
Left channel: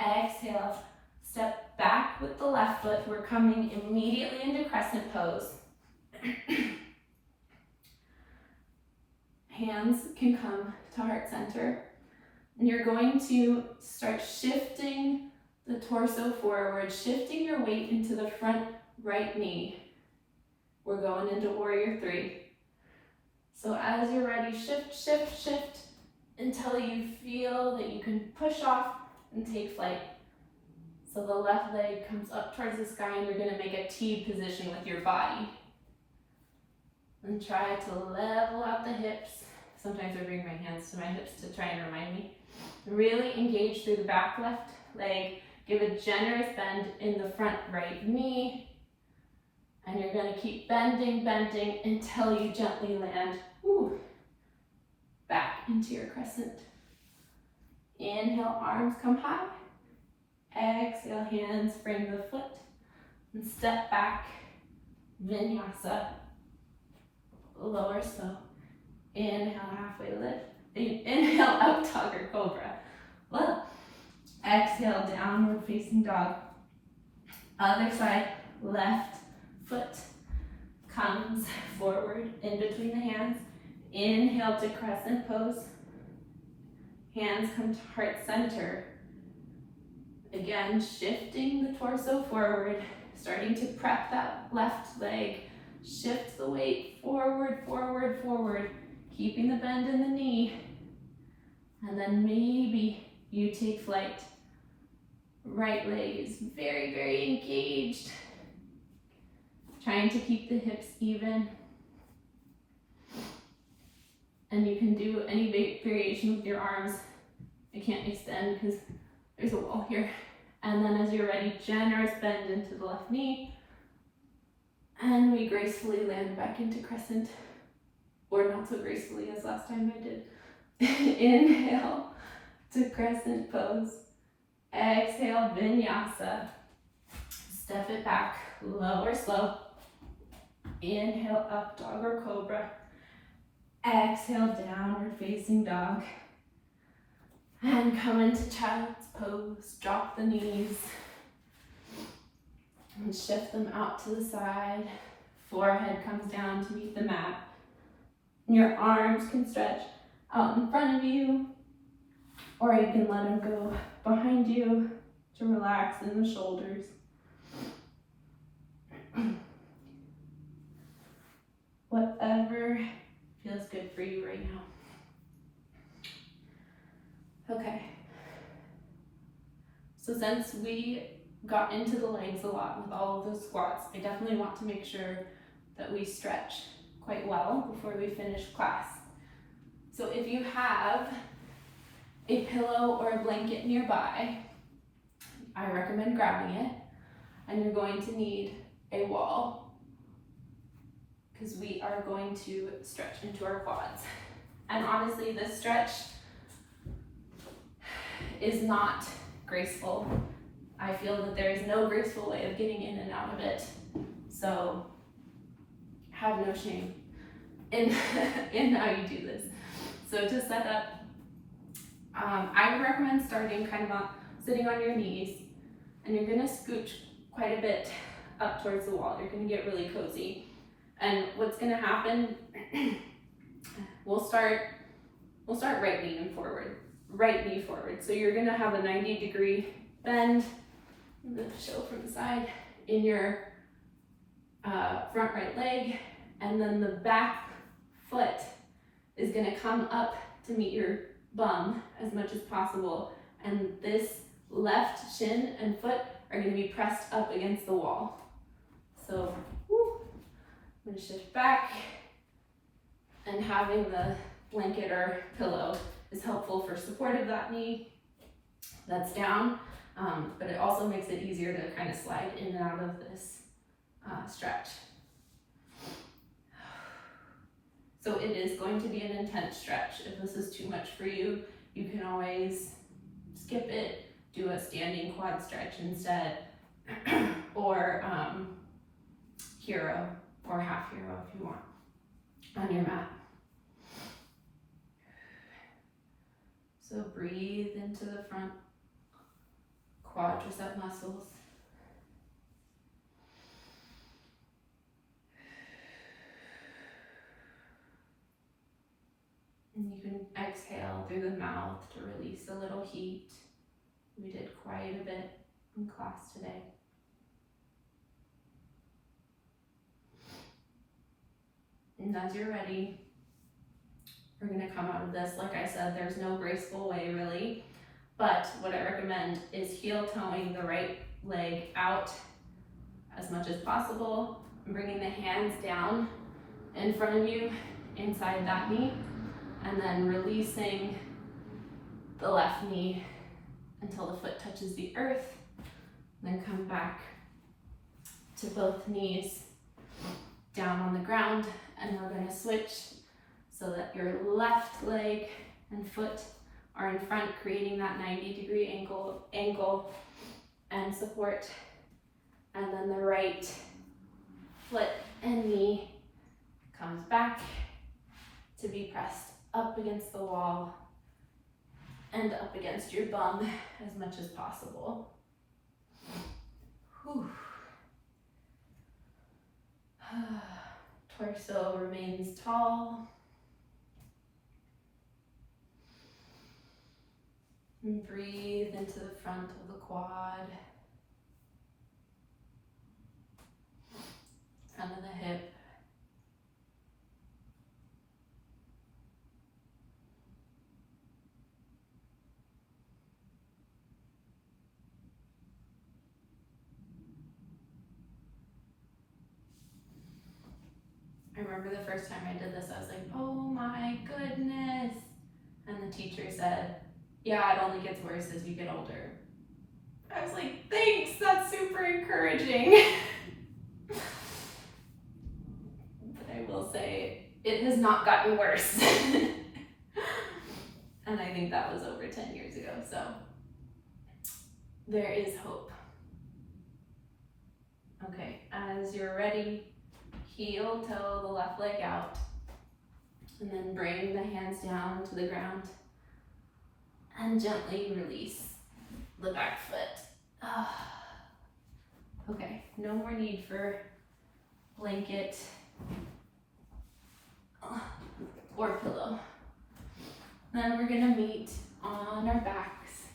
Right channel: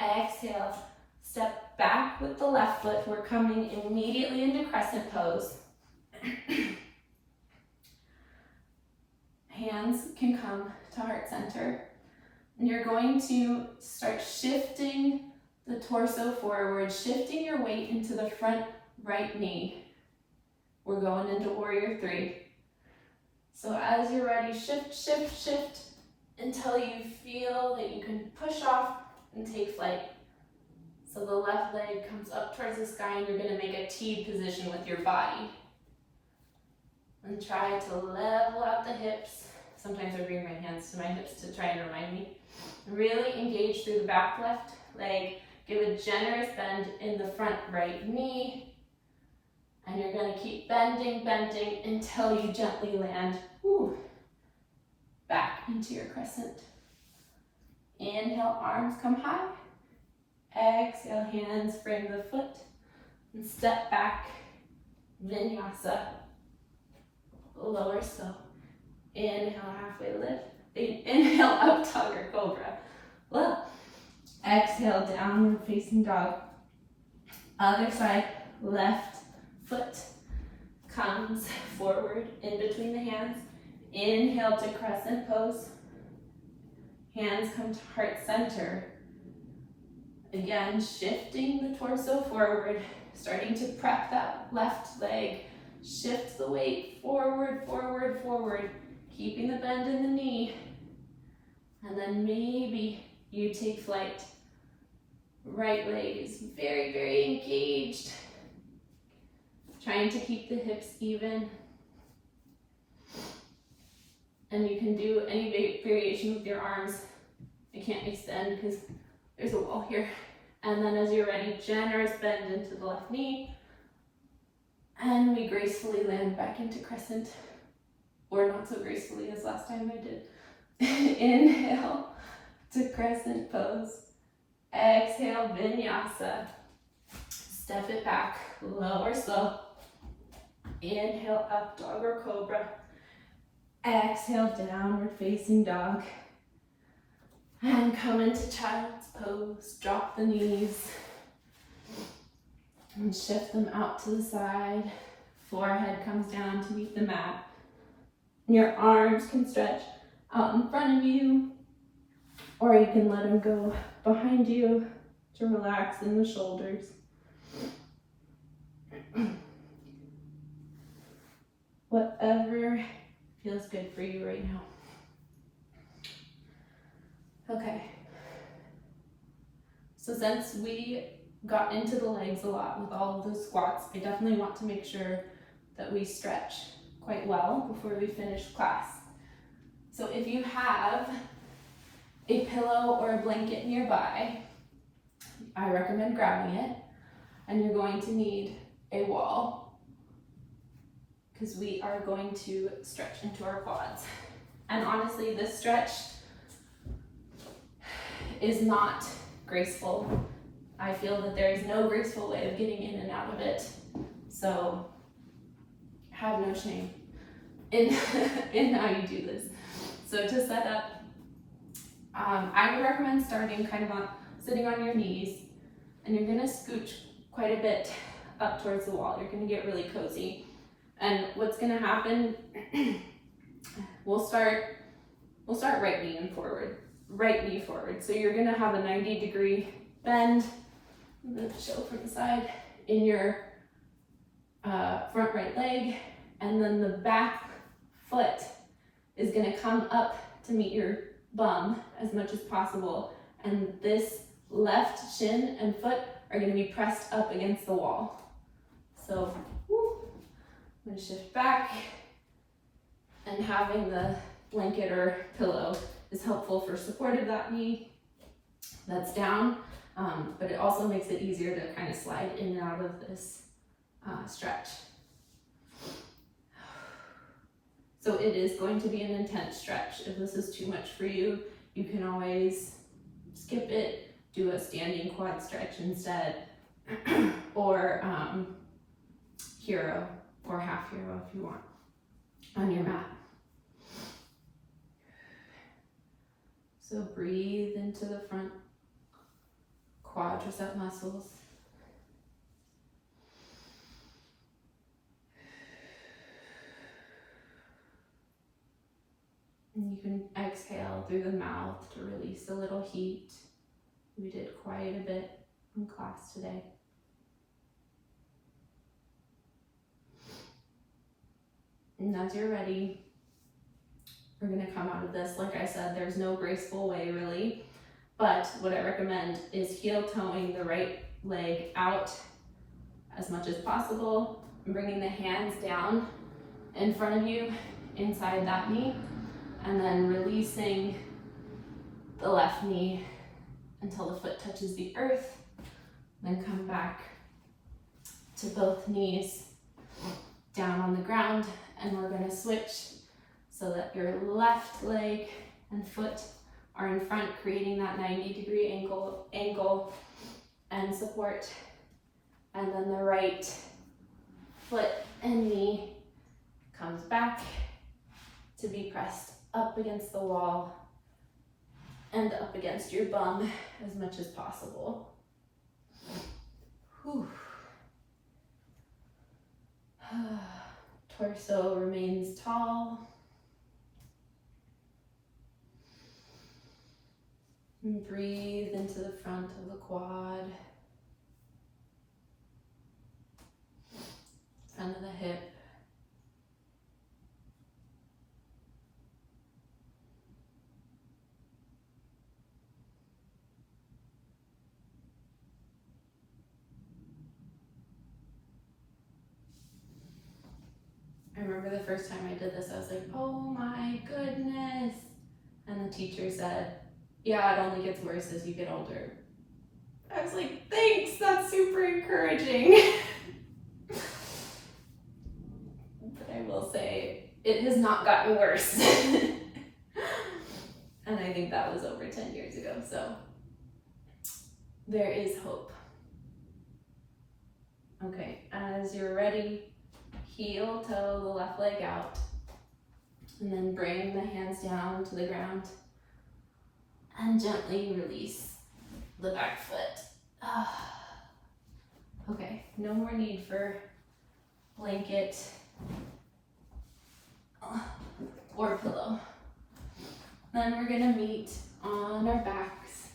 Exhale, step back with the left foot. We're coming immediately into crescent pose. Hands can come to heart center. And you're going to start shifting the torso forward, shifting your weight into the front right knee. We're going into warrior three. So as you're ready, shift, shift, shift until you feel that you can push off and take flight. So the left leg comes up towards the sky and you're gonna make a T position with your body. And try to level out the hips. Sometimes I bring my hands to my hips to try and remind me. Really engage through the back left leg. Give a generous bend in the front right knee. And you're gonna keep bending, bending until you gently land back into your crescent. Inhale, arms come high. Exhale, hands frame the foot. And step back, vinyasa. Lower slow. Inhale, halfway lift. Inhale, up dog or cobra. Look. Exhale, downward facing dog. Other side, left foot comes forward in between the hands. Inhale to crescent pose. Hands come to heart center. Again, shifting the torso forward, starting to prep that left leg. Shift the weight forward, forward, forward, keeping the bend in the knee. And then maybe you take flight. Right leg is very, very engaged. Trying to keep the hips even. And you can do any variation with your arms. I can't extend because there's a wall here. And then as you're ready, generous bend into the left knee. And we gracefully land back into crescent. Or not so gracefully as last time I did. Inhale to crescent pose. Exhale, vinyasa. Step it back, lower slow. Inhale, up dog or cobra. Exhale, downward facing dog. And come into child's pose. Drop the knees. And shift them out to the side. Forehead comes down to meet the mat. And your arms can stretch out in front of you, or you can let them go behind you to relax in the shoulders. Whatever feels good for you right now. Okay. So since we got into the legs a lot with all of those squats, I definitely want to make sure that we stretch quite well before we finish class. So if you have a pillow or a blanket nearby, I recommend grabbing it, and you're going to need a wall because we are going to stretch into our quads. And honestly, this stretch is not graceful. I feel that there is no graceful way of getting in and out of it. So have no shame in how you do this. So to set up, I would recommend starting kind of sitting on your knees, and you're gonna scooch quite a bit up towards the wall. You're gonna get really cozy. And what's gonna happen, we'll start right knee forward. So you're gonna have a 90-degree bend, I'm gonna show from the side, in your front right leg, and then the back foot is gonna come up to meet your bum as much as possible, and this left shin and foot are gonna be pressed up against the wall. So, I'm gonna shift back, and having the blanket or pillow is helpful for support of that knee that's down, but it also makes it easier to kind of slide in and out of this stretch. So it is going to be an intense stretch. If this is too much for you, you can always skip it, do a standing quad stretch instead, or hero or half hero if you want on your mat. So breathe into the front quadricep muscles. And you can exhale through the mouth to release a little heat. We did quite a bit in class today. And as you're ready, we're gonna come out of this. Like I said, there's no graceful way really, but what I recommend is heel toeing the right leg out as much as possible, and bringing the hands down in front of you inside that knee, and then releasing the left knee until the foot touches the earth. Then come back to both knees down on the ground, and we're gonna switch so that your left leg and foot are in front, creating that 90-degree angle and support. And then the right foot and knee comes back to be pressed up against the wall and up against your bum as much as possible. Whew. Torso remains tall. And breathe into the front of the quad, front of the hip. I remember the first time I did this, I was like, oh my goodness. And the teacher said, yeah, it only gets worse as you get older. I was like, thanks, that's super encouraging. But I will say, it has not gotten worse. And I think that was over 10 years ago, so there is hope. Okay, as you're ready, heel toe the left leg out, and then bring the hands down to the ground and gently release the back foot. Okay, no more need for blanket or pillow. Then we're gonna meet on our backs.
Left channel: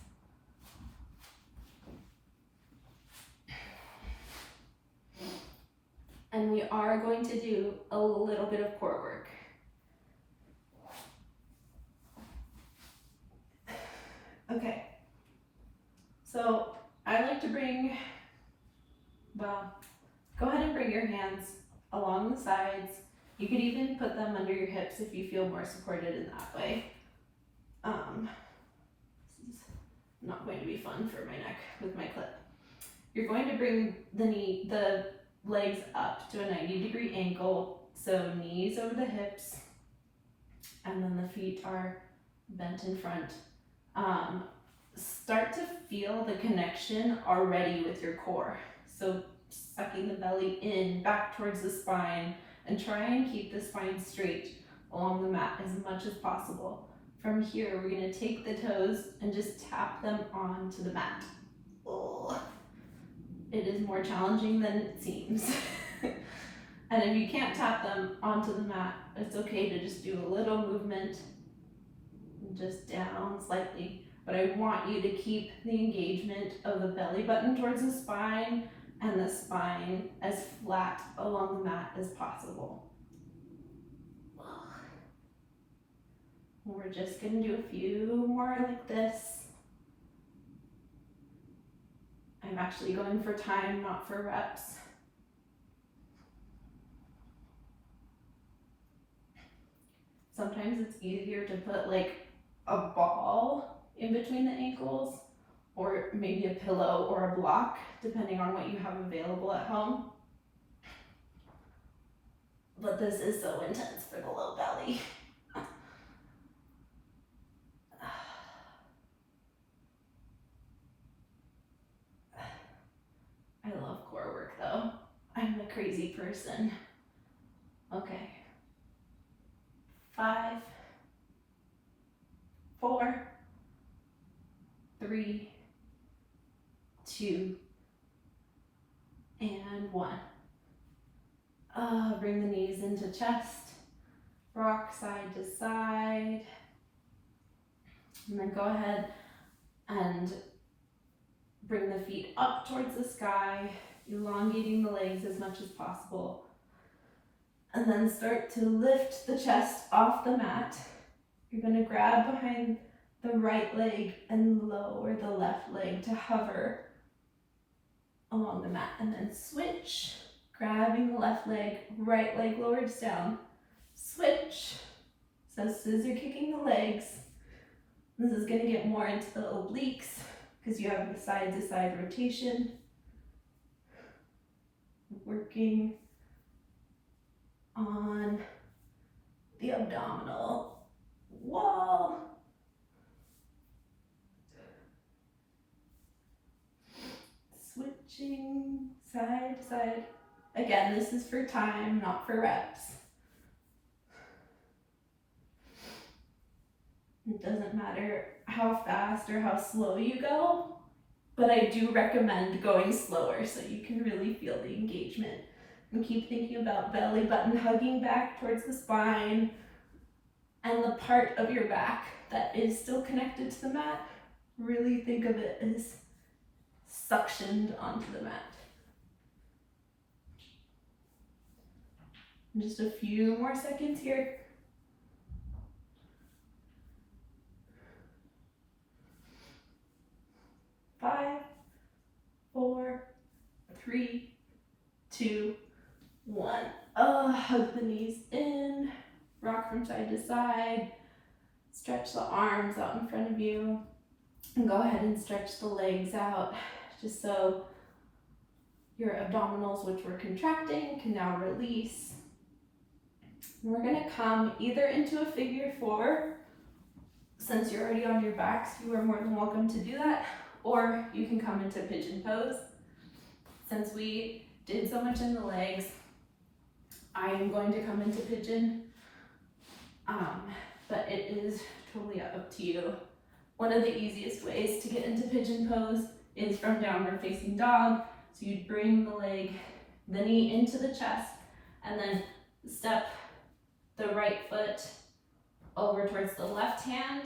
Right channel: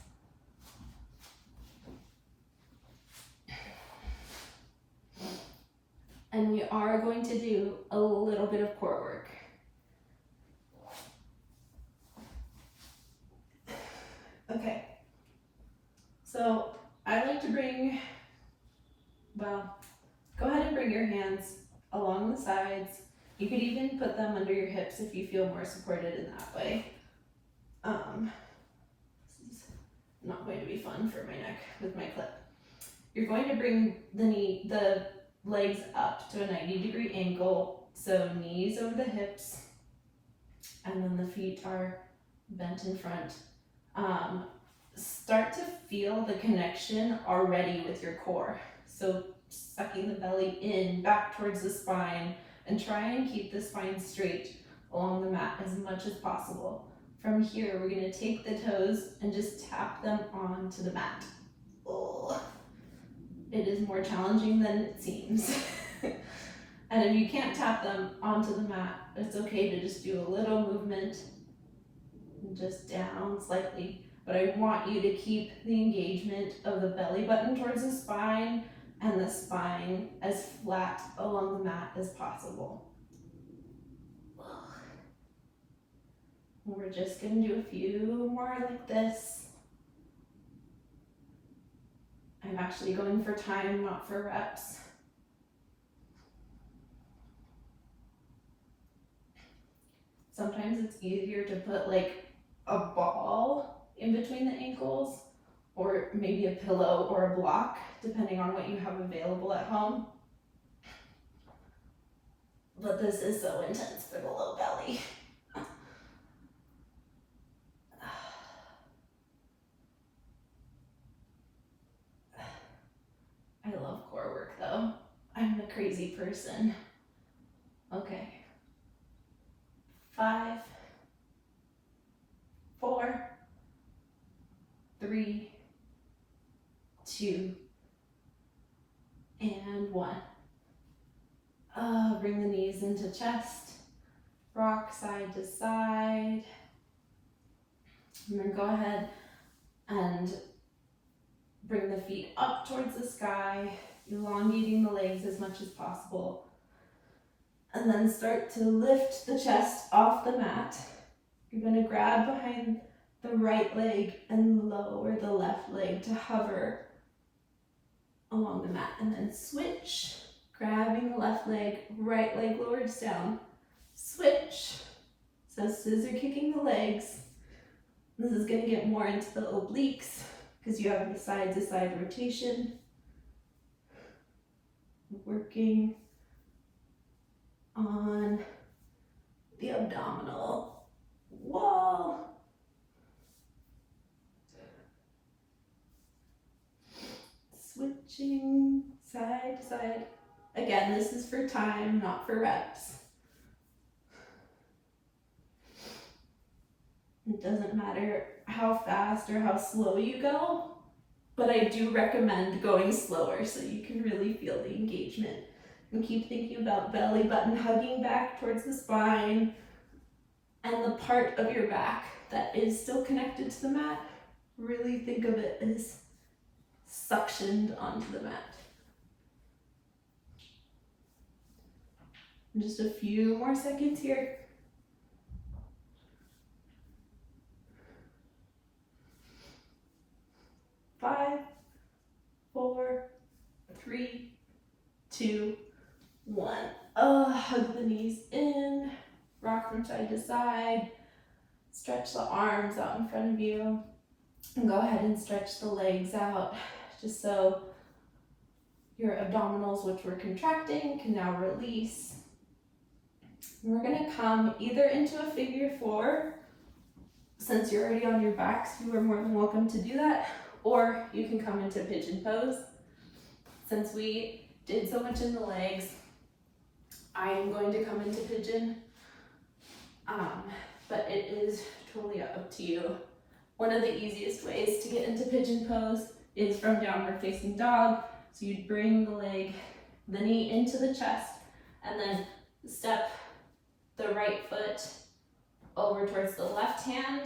And we are going to do a little bit of core work. Okay, so I like to bring, well, go ahead and bring your hands along the sides. You could even put them under your hips if you feel more supported in that way. This is not going to be fun for my neck with my clip. You're going to bring the legs up to a 90-degree angle, so knees over the hips, and then the feet are bent in front. Start to feel the connection already with your core. So sucking the belly in, back towards the spine, and try and keep the spine straight along the mat as much as possible. From here, we're gonna take the toes and just tap them onto the mat. Oh. It is more challenging than it seems. And if you can't tap them onto the mat, it's okay to just do a little movement, just down slightly. But I want you to keep the engagement of the belly button towards the spine and the spine as flat along the mat as possible. We're just gonna do a few more like this. I'm actually going for time, not for reps. Sometimes it's easier to put like a ball in between the ankles, or maybe a pillow or a block, depending on what you have available at home. But this is so intense for the low belly. I love core work though. I'm a crazy person. Okay. 5, 4, 3, 2, and 1. Bring the knees into chest, rocks, rock side to side. And then go ahead and bring the feet up towards the sky, elongating the legs as much as possible. And then start to lift the chest off the mat. You're going to grab behind the right leg and lower the left leg to hover along the mat. And then switch, grabbing the left leg, right leg lowers down. Switch. So scissor kicking the legs. This is going to get more into the obliques because you have the side to side rotation. Working on the abdominal wall. Switching side to side. Again, this is for time, not for reps. It doesn't matter how fast or how slow you go, but I do recommend going slower so you can really feel the engagement. And keep thinking about belly button hugging back towards the spine and the part of your back that is still connected to the mat. Really think of it as suctioned onto the mat. And just a few more seconds here. 5, 4, 3, 2, 1. Hug the knees in, rock from side to side, stretch the arms out in front of you, and go ahead and stretch the legs out just so your abdominals, which were contracting, can now release. We're going to come either into a figure 4, since you're already on your backs, you are more than welcome to do that, or you can come into pigeon pose. Since we did so much in the legs, I am going to come into pigeon, but it is totally up to you. One of the easiest ways to get into pigeon pose is from downward facing dog. So you'd bring the knee into the chest, and then step the right foot over towards the left hand,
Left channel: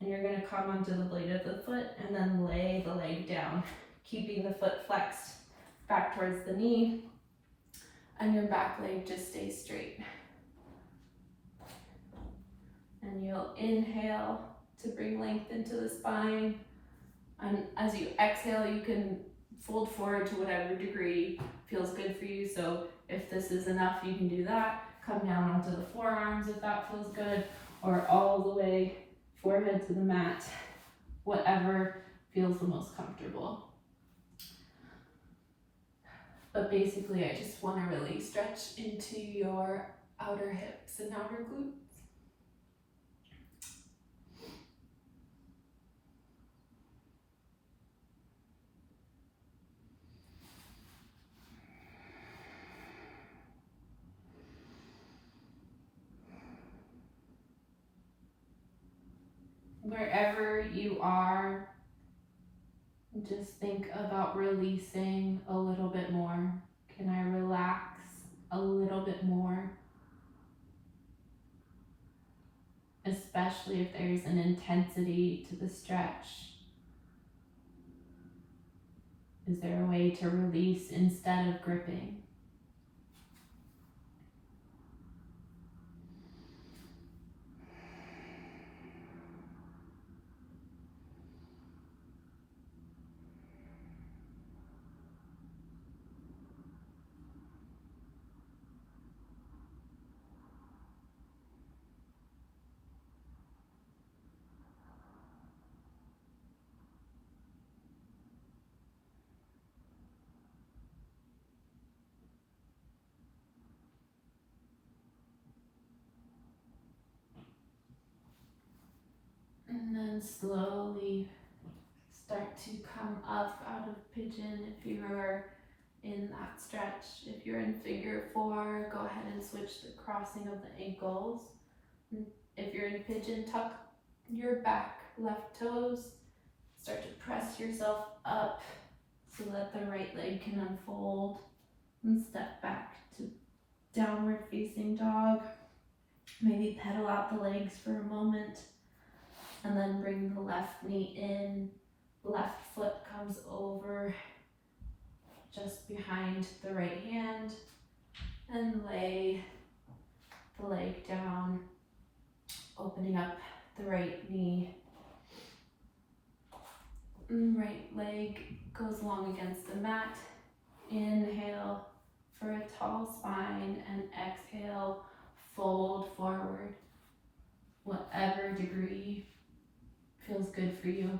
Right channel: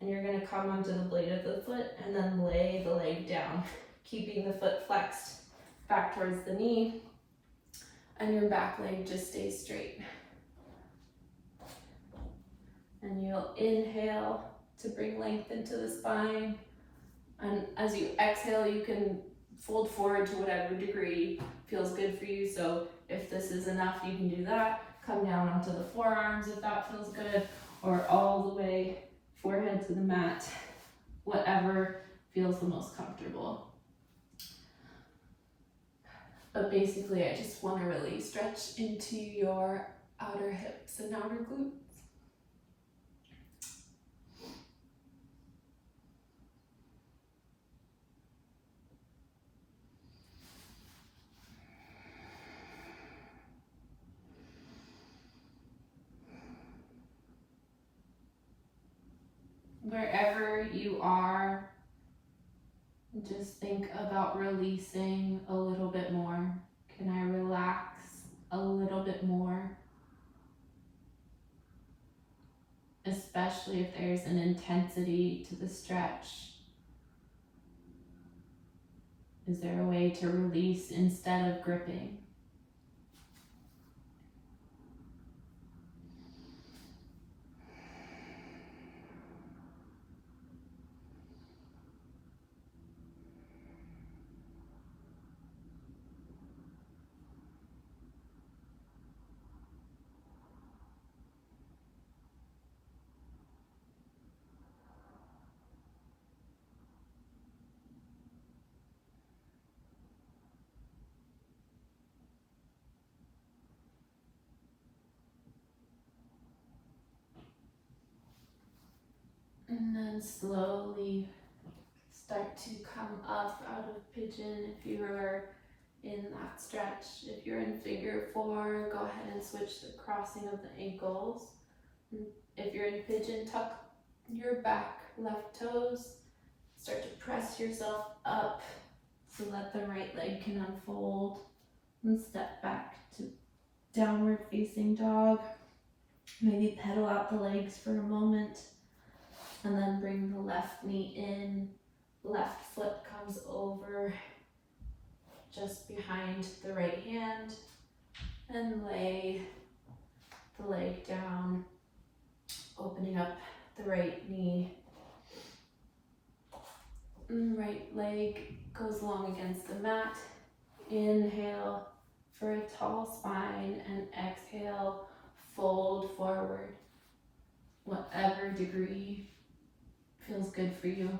and you're going to come onto the blade of the foot and then lay the leg down, keeping the foot flexed back towards the knee, and your back leg just stays straight. And you'll inhale to bring length into the spine, and as you exhale, you can fold forward to whatever degree feels good for you. So if this is enough, you can do that. Come down onto the forearms if that feels good, or all the way forehead to the mat, whatever feels the most comfortable. But basically, I just want to really stretch into your outer hips and outer glutes. Wherever you are, just think about releasing a little bit more. Can I relax a little bit more? Especially if there's an intensity to the stretch. Is there a way to release instead of gripping? And then slowly start to come up out of pigeon if you are in that stretch. If you're in figure 4, go ahead and switch the crossing of the ankles. If you're in pigeon, tuck your back left toes. Start to press yourself up so that the right leg can unfold, and step back to downward facing dog. Maybe pedal out the legs for a moment and then bring the left knee in. Left foot comes over just behind the right hand and lay the leg down, opening up the right knee. Right leg goes along against the mat. Inhale for a tall spine and exhale, fold forward. Whatever degree feels good for you.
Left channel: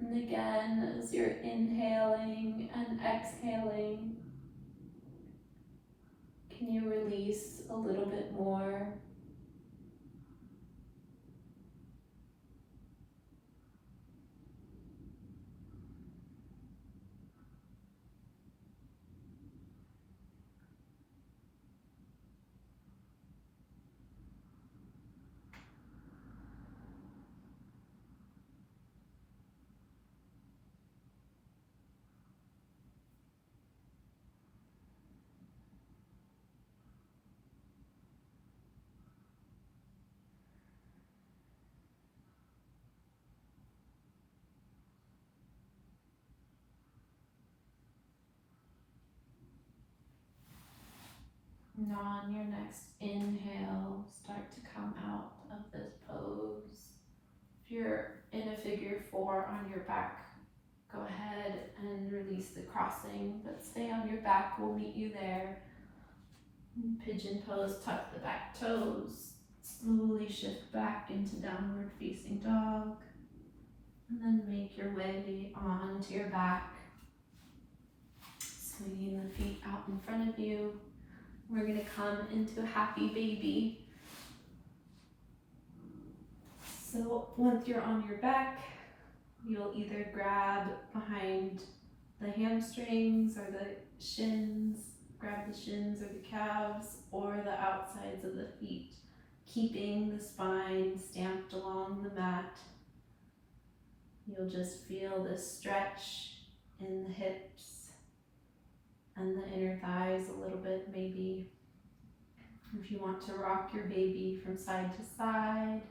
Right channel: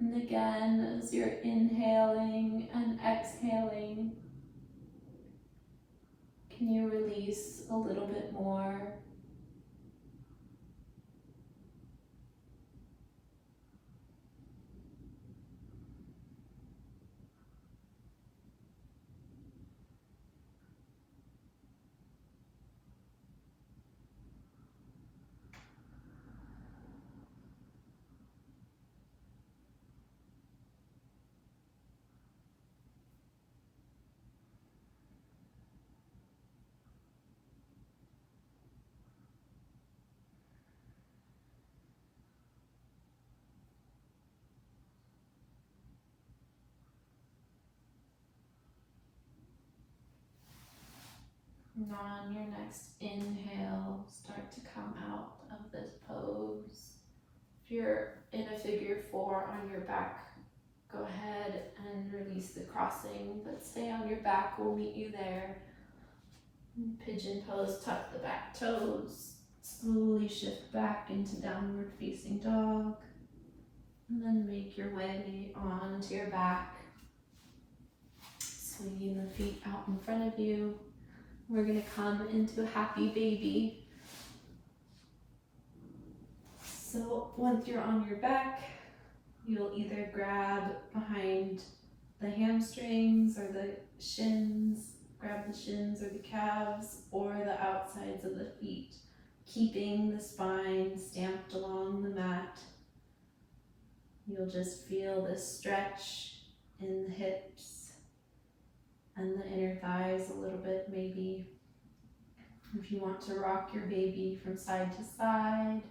And again, as you're inhaling and exhaling, can you release a little bit more? And on your next inhale, start to come out of this pose. If you're in a figure four on your back, go ahead and release the crossing, but stay on your back, we'll meet you there. Pigeon pose, tuck the back toes, slowly shift back into downward facing dog, and then make your way onto your back, swinging the feet out in front of you. We're gonna come into a happy baby. So once you're on your back, you'll either grab behind the hamstrings or the shins, grab the shins or the calves or the outsides of the feet, keeping the spine stamped along the mat. You'll just feel this stretch in the hips and the inner thighs a little bit maybe. If you want to rock your baby from side to side,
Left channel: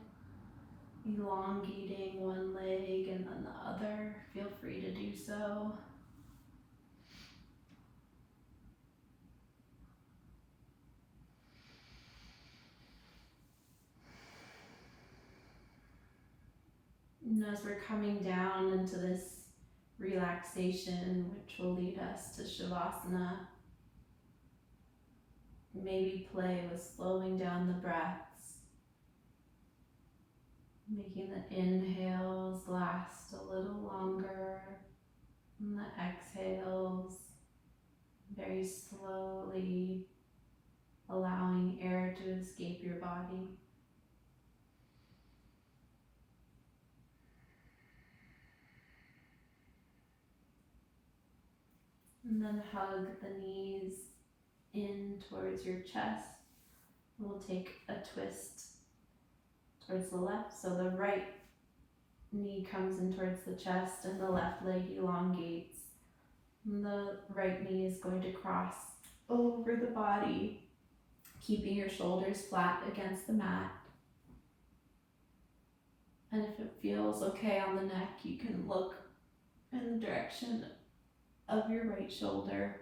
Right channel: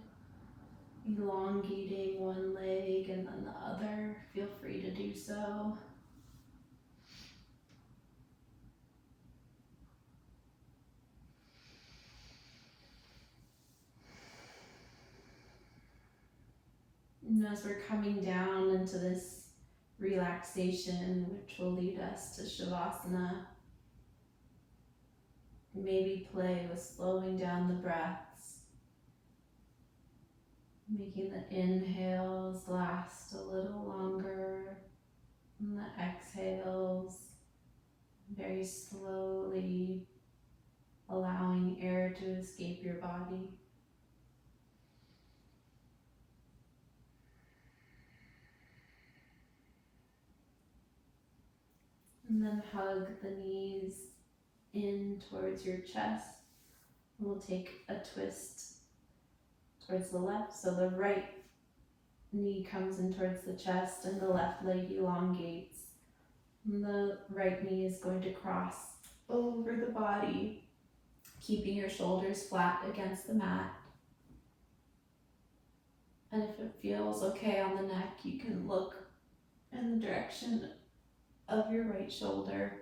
elongating one leg and then the other, feel free to do so. And as we're coming down into this relaxation, which will lead us to Shavasana, maybe play with slowing down the breaths, making the inhales last a little longer, and the exhales very slowly allowing air to escape your body. And then hug the knees in towards your chest. We'll take a twist towards the left, so the right knee comes in towards the chest and the left leg elongates. And the right knee is going to cross over the body, keeping your shoulders flat against the mat. And if it feels okay on the neck, you can look in the direction of your right shoulder.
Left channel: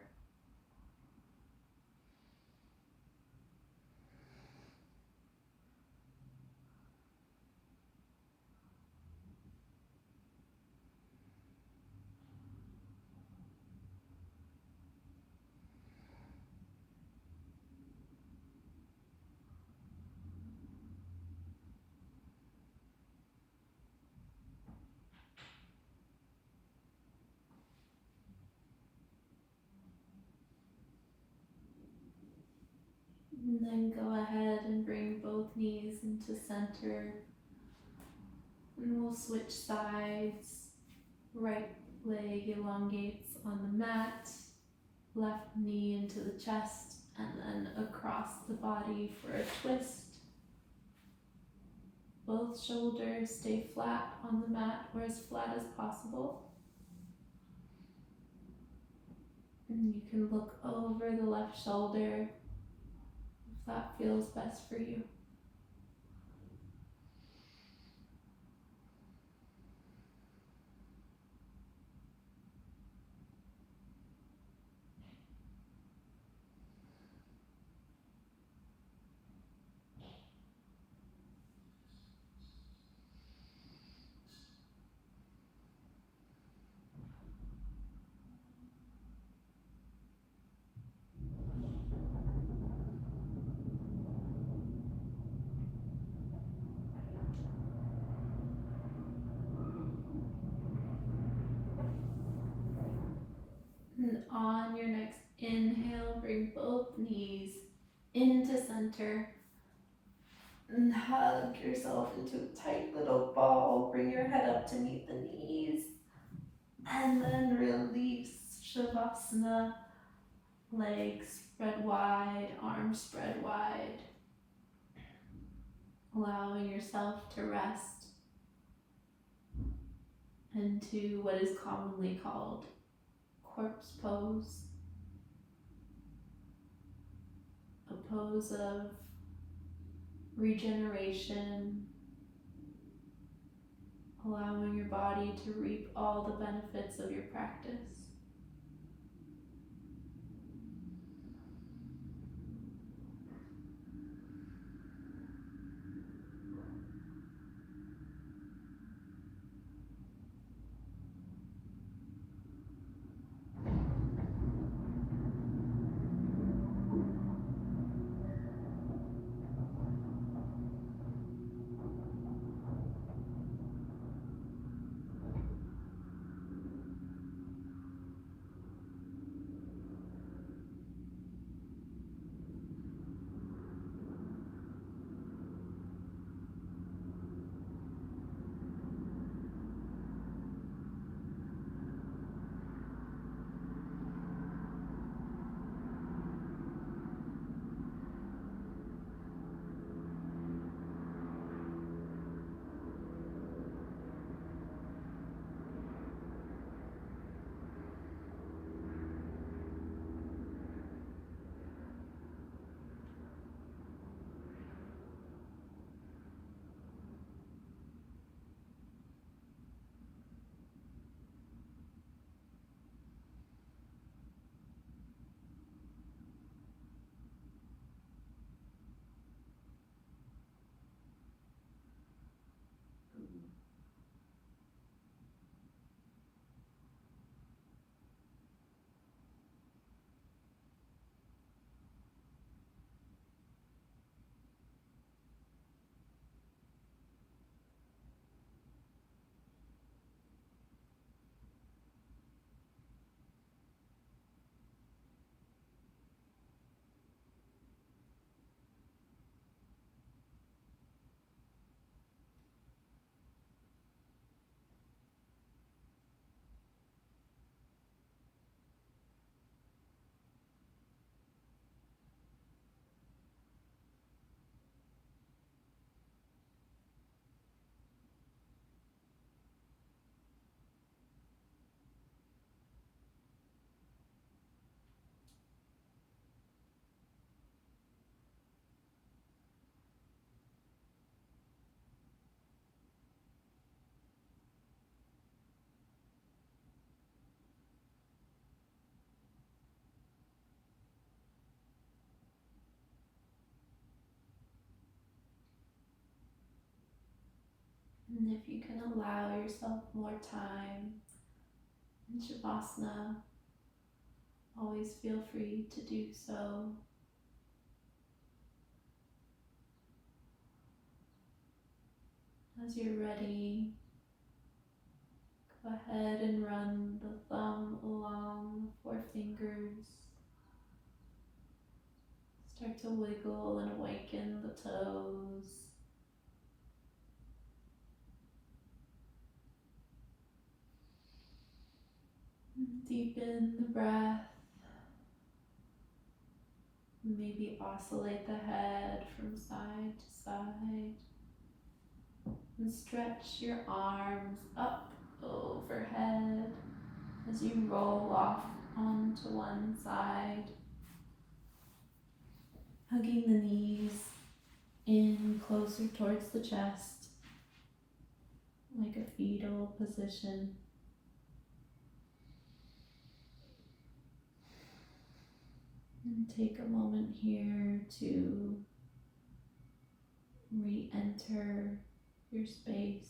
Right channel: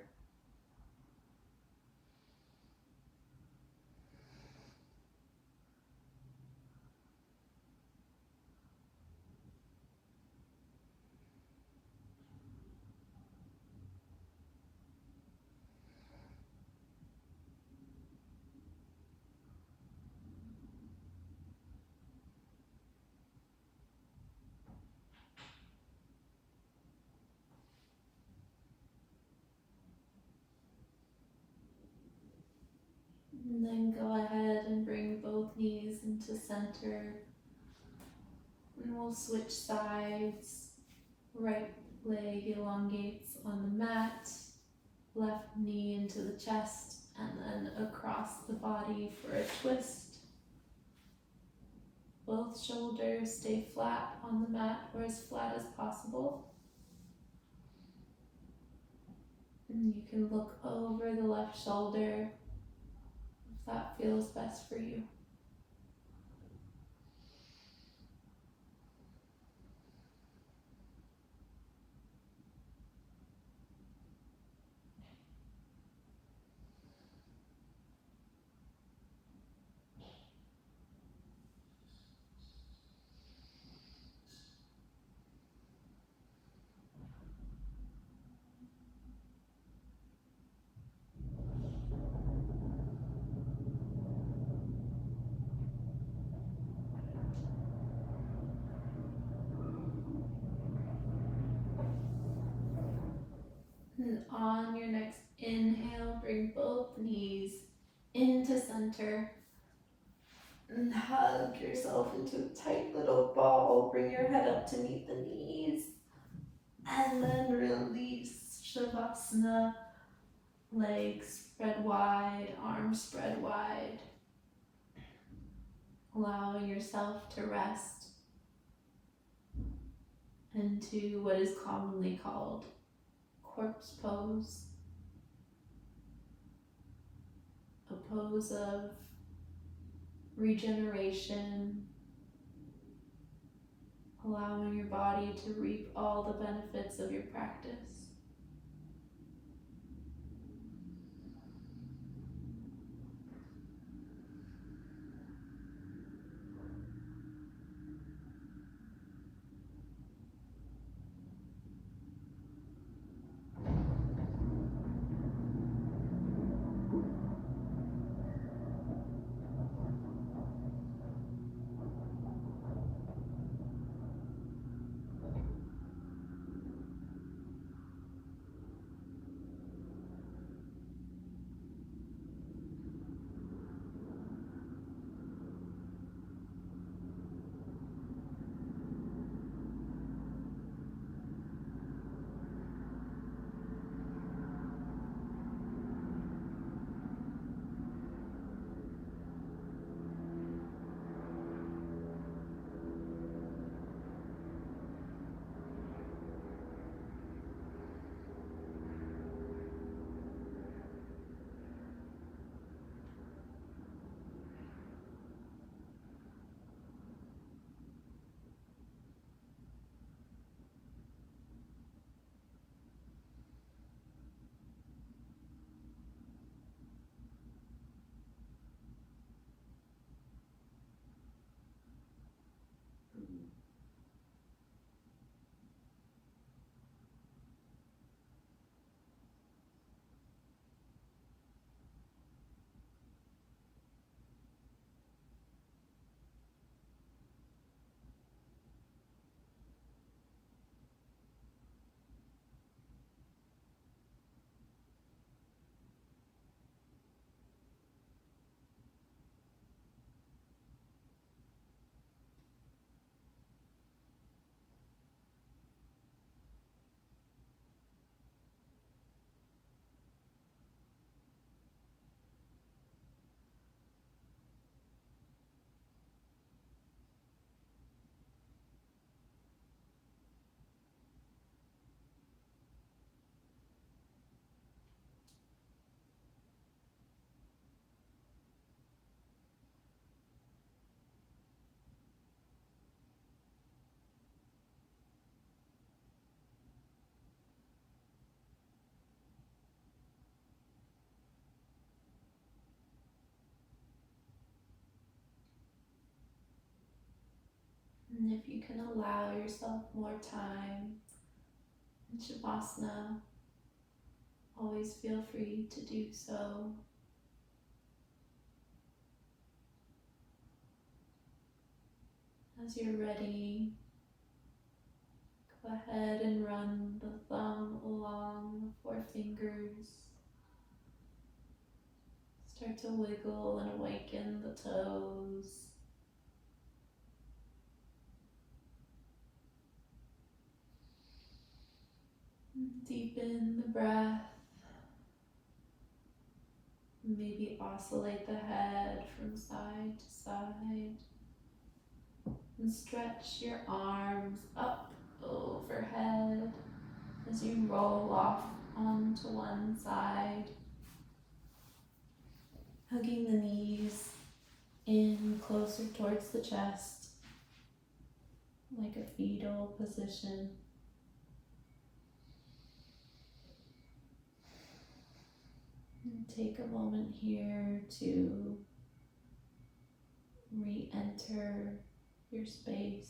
And then go ahead and bring both knees into center. And we'll switch sides. Right leg elongates on the mat. Left knee into the chest and then across the body for a twist. Both shoulders stay flat on the mat or as flat as possible. And you can look over the left shoulder if that feels best for you. And on your next inhale, bring both knees into center and hug yourself into a tight little ball. Bring your head up to meet the knees and then release Shavasana. Legs spread wide, arms spread wide. Allowing yourself to rest into what is commonly called corpse pose, a pose of regeneration, allowing your body to reap all the benefits of your practice. And if you can allow yourself more time in Shavasana, always feel free to do so. As you're ready, go ahead and run the thumb along the forefingers, Start to wiggle and awaken the toes. Deepen the breath. Maybe oscillate the head from side to side. And stretch your arms up overhead as you roll off onto one side. Hugging the knees in closer towards the chest, like a fetal position. And take a moment here to re-enter your space.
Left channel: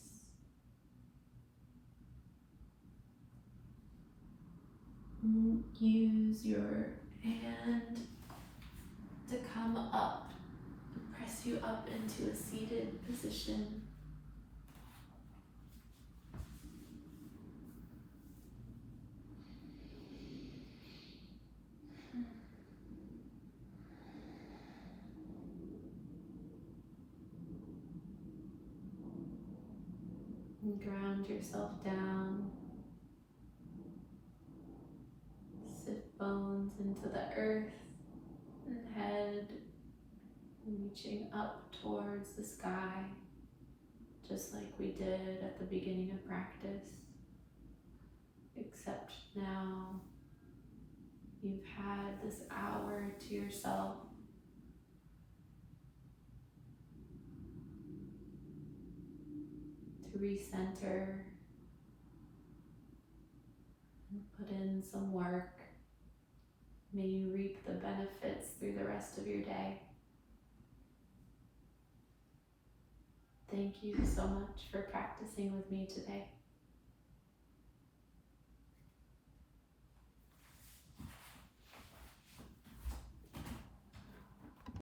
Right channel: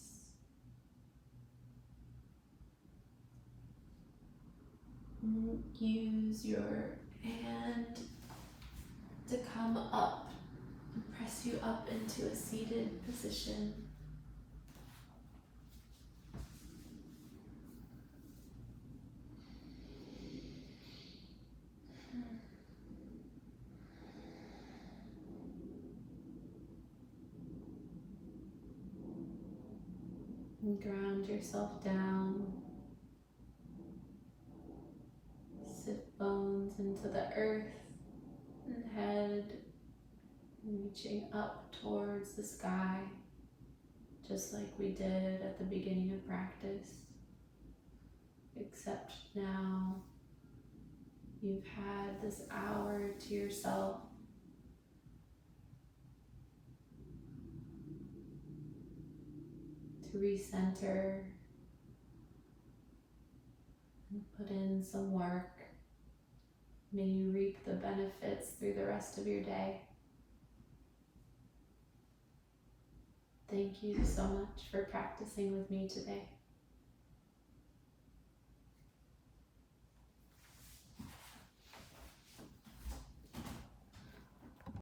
Use your hand to come up and press you up into a seated position. And ground yourself down. Sit bones into the earth and head reaching up towards the sky, just like we did at the beginning of practice. Except now you've had this hour to yourself to recenter and put in some work. May you reap the benefits through the rest of your day. Thank you so much for practicing with me today.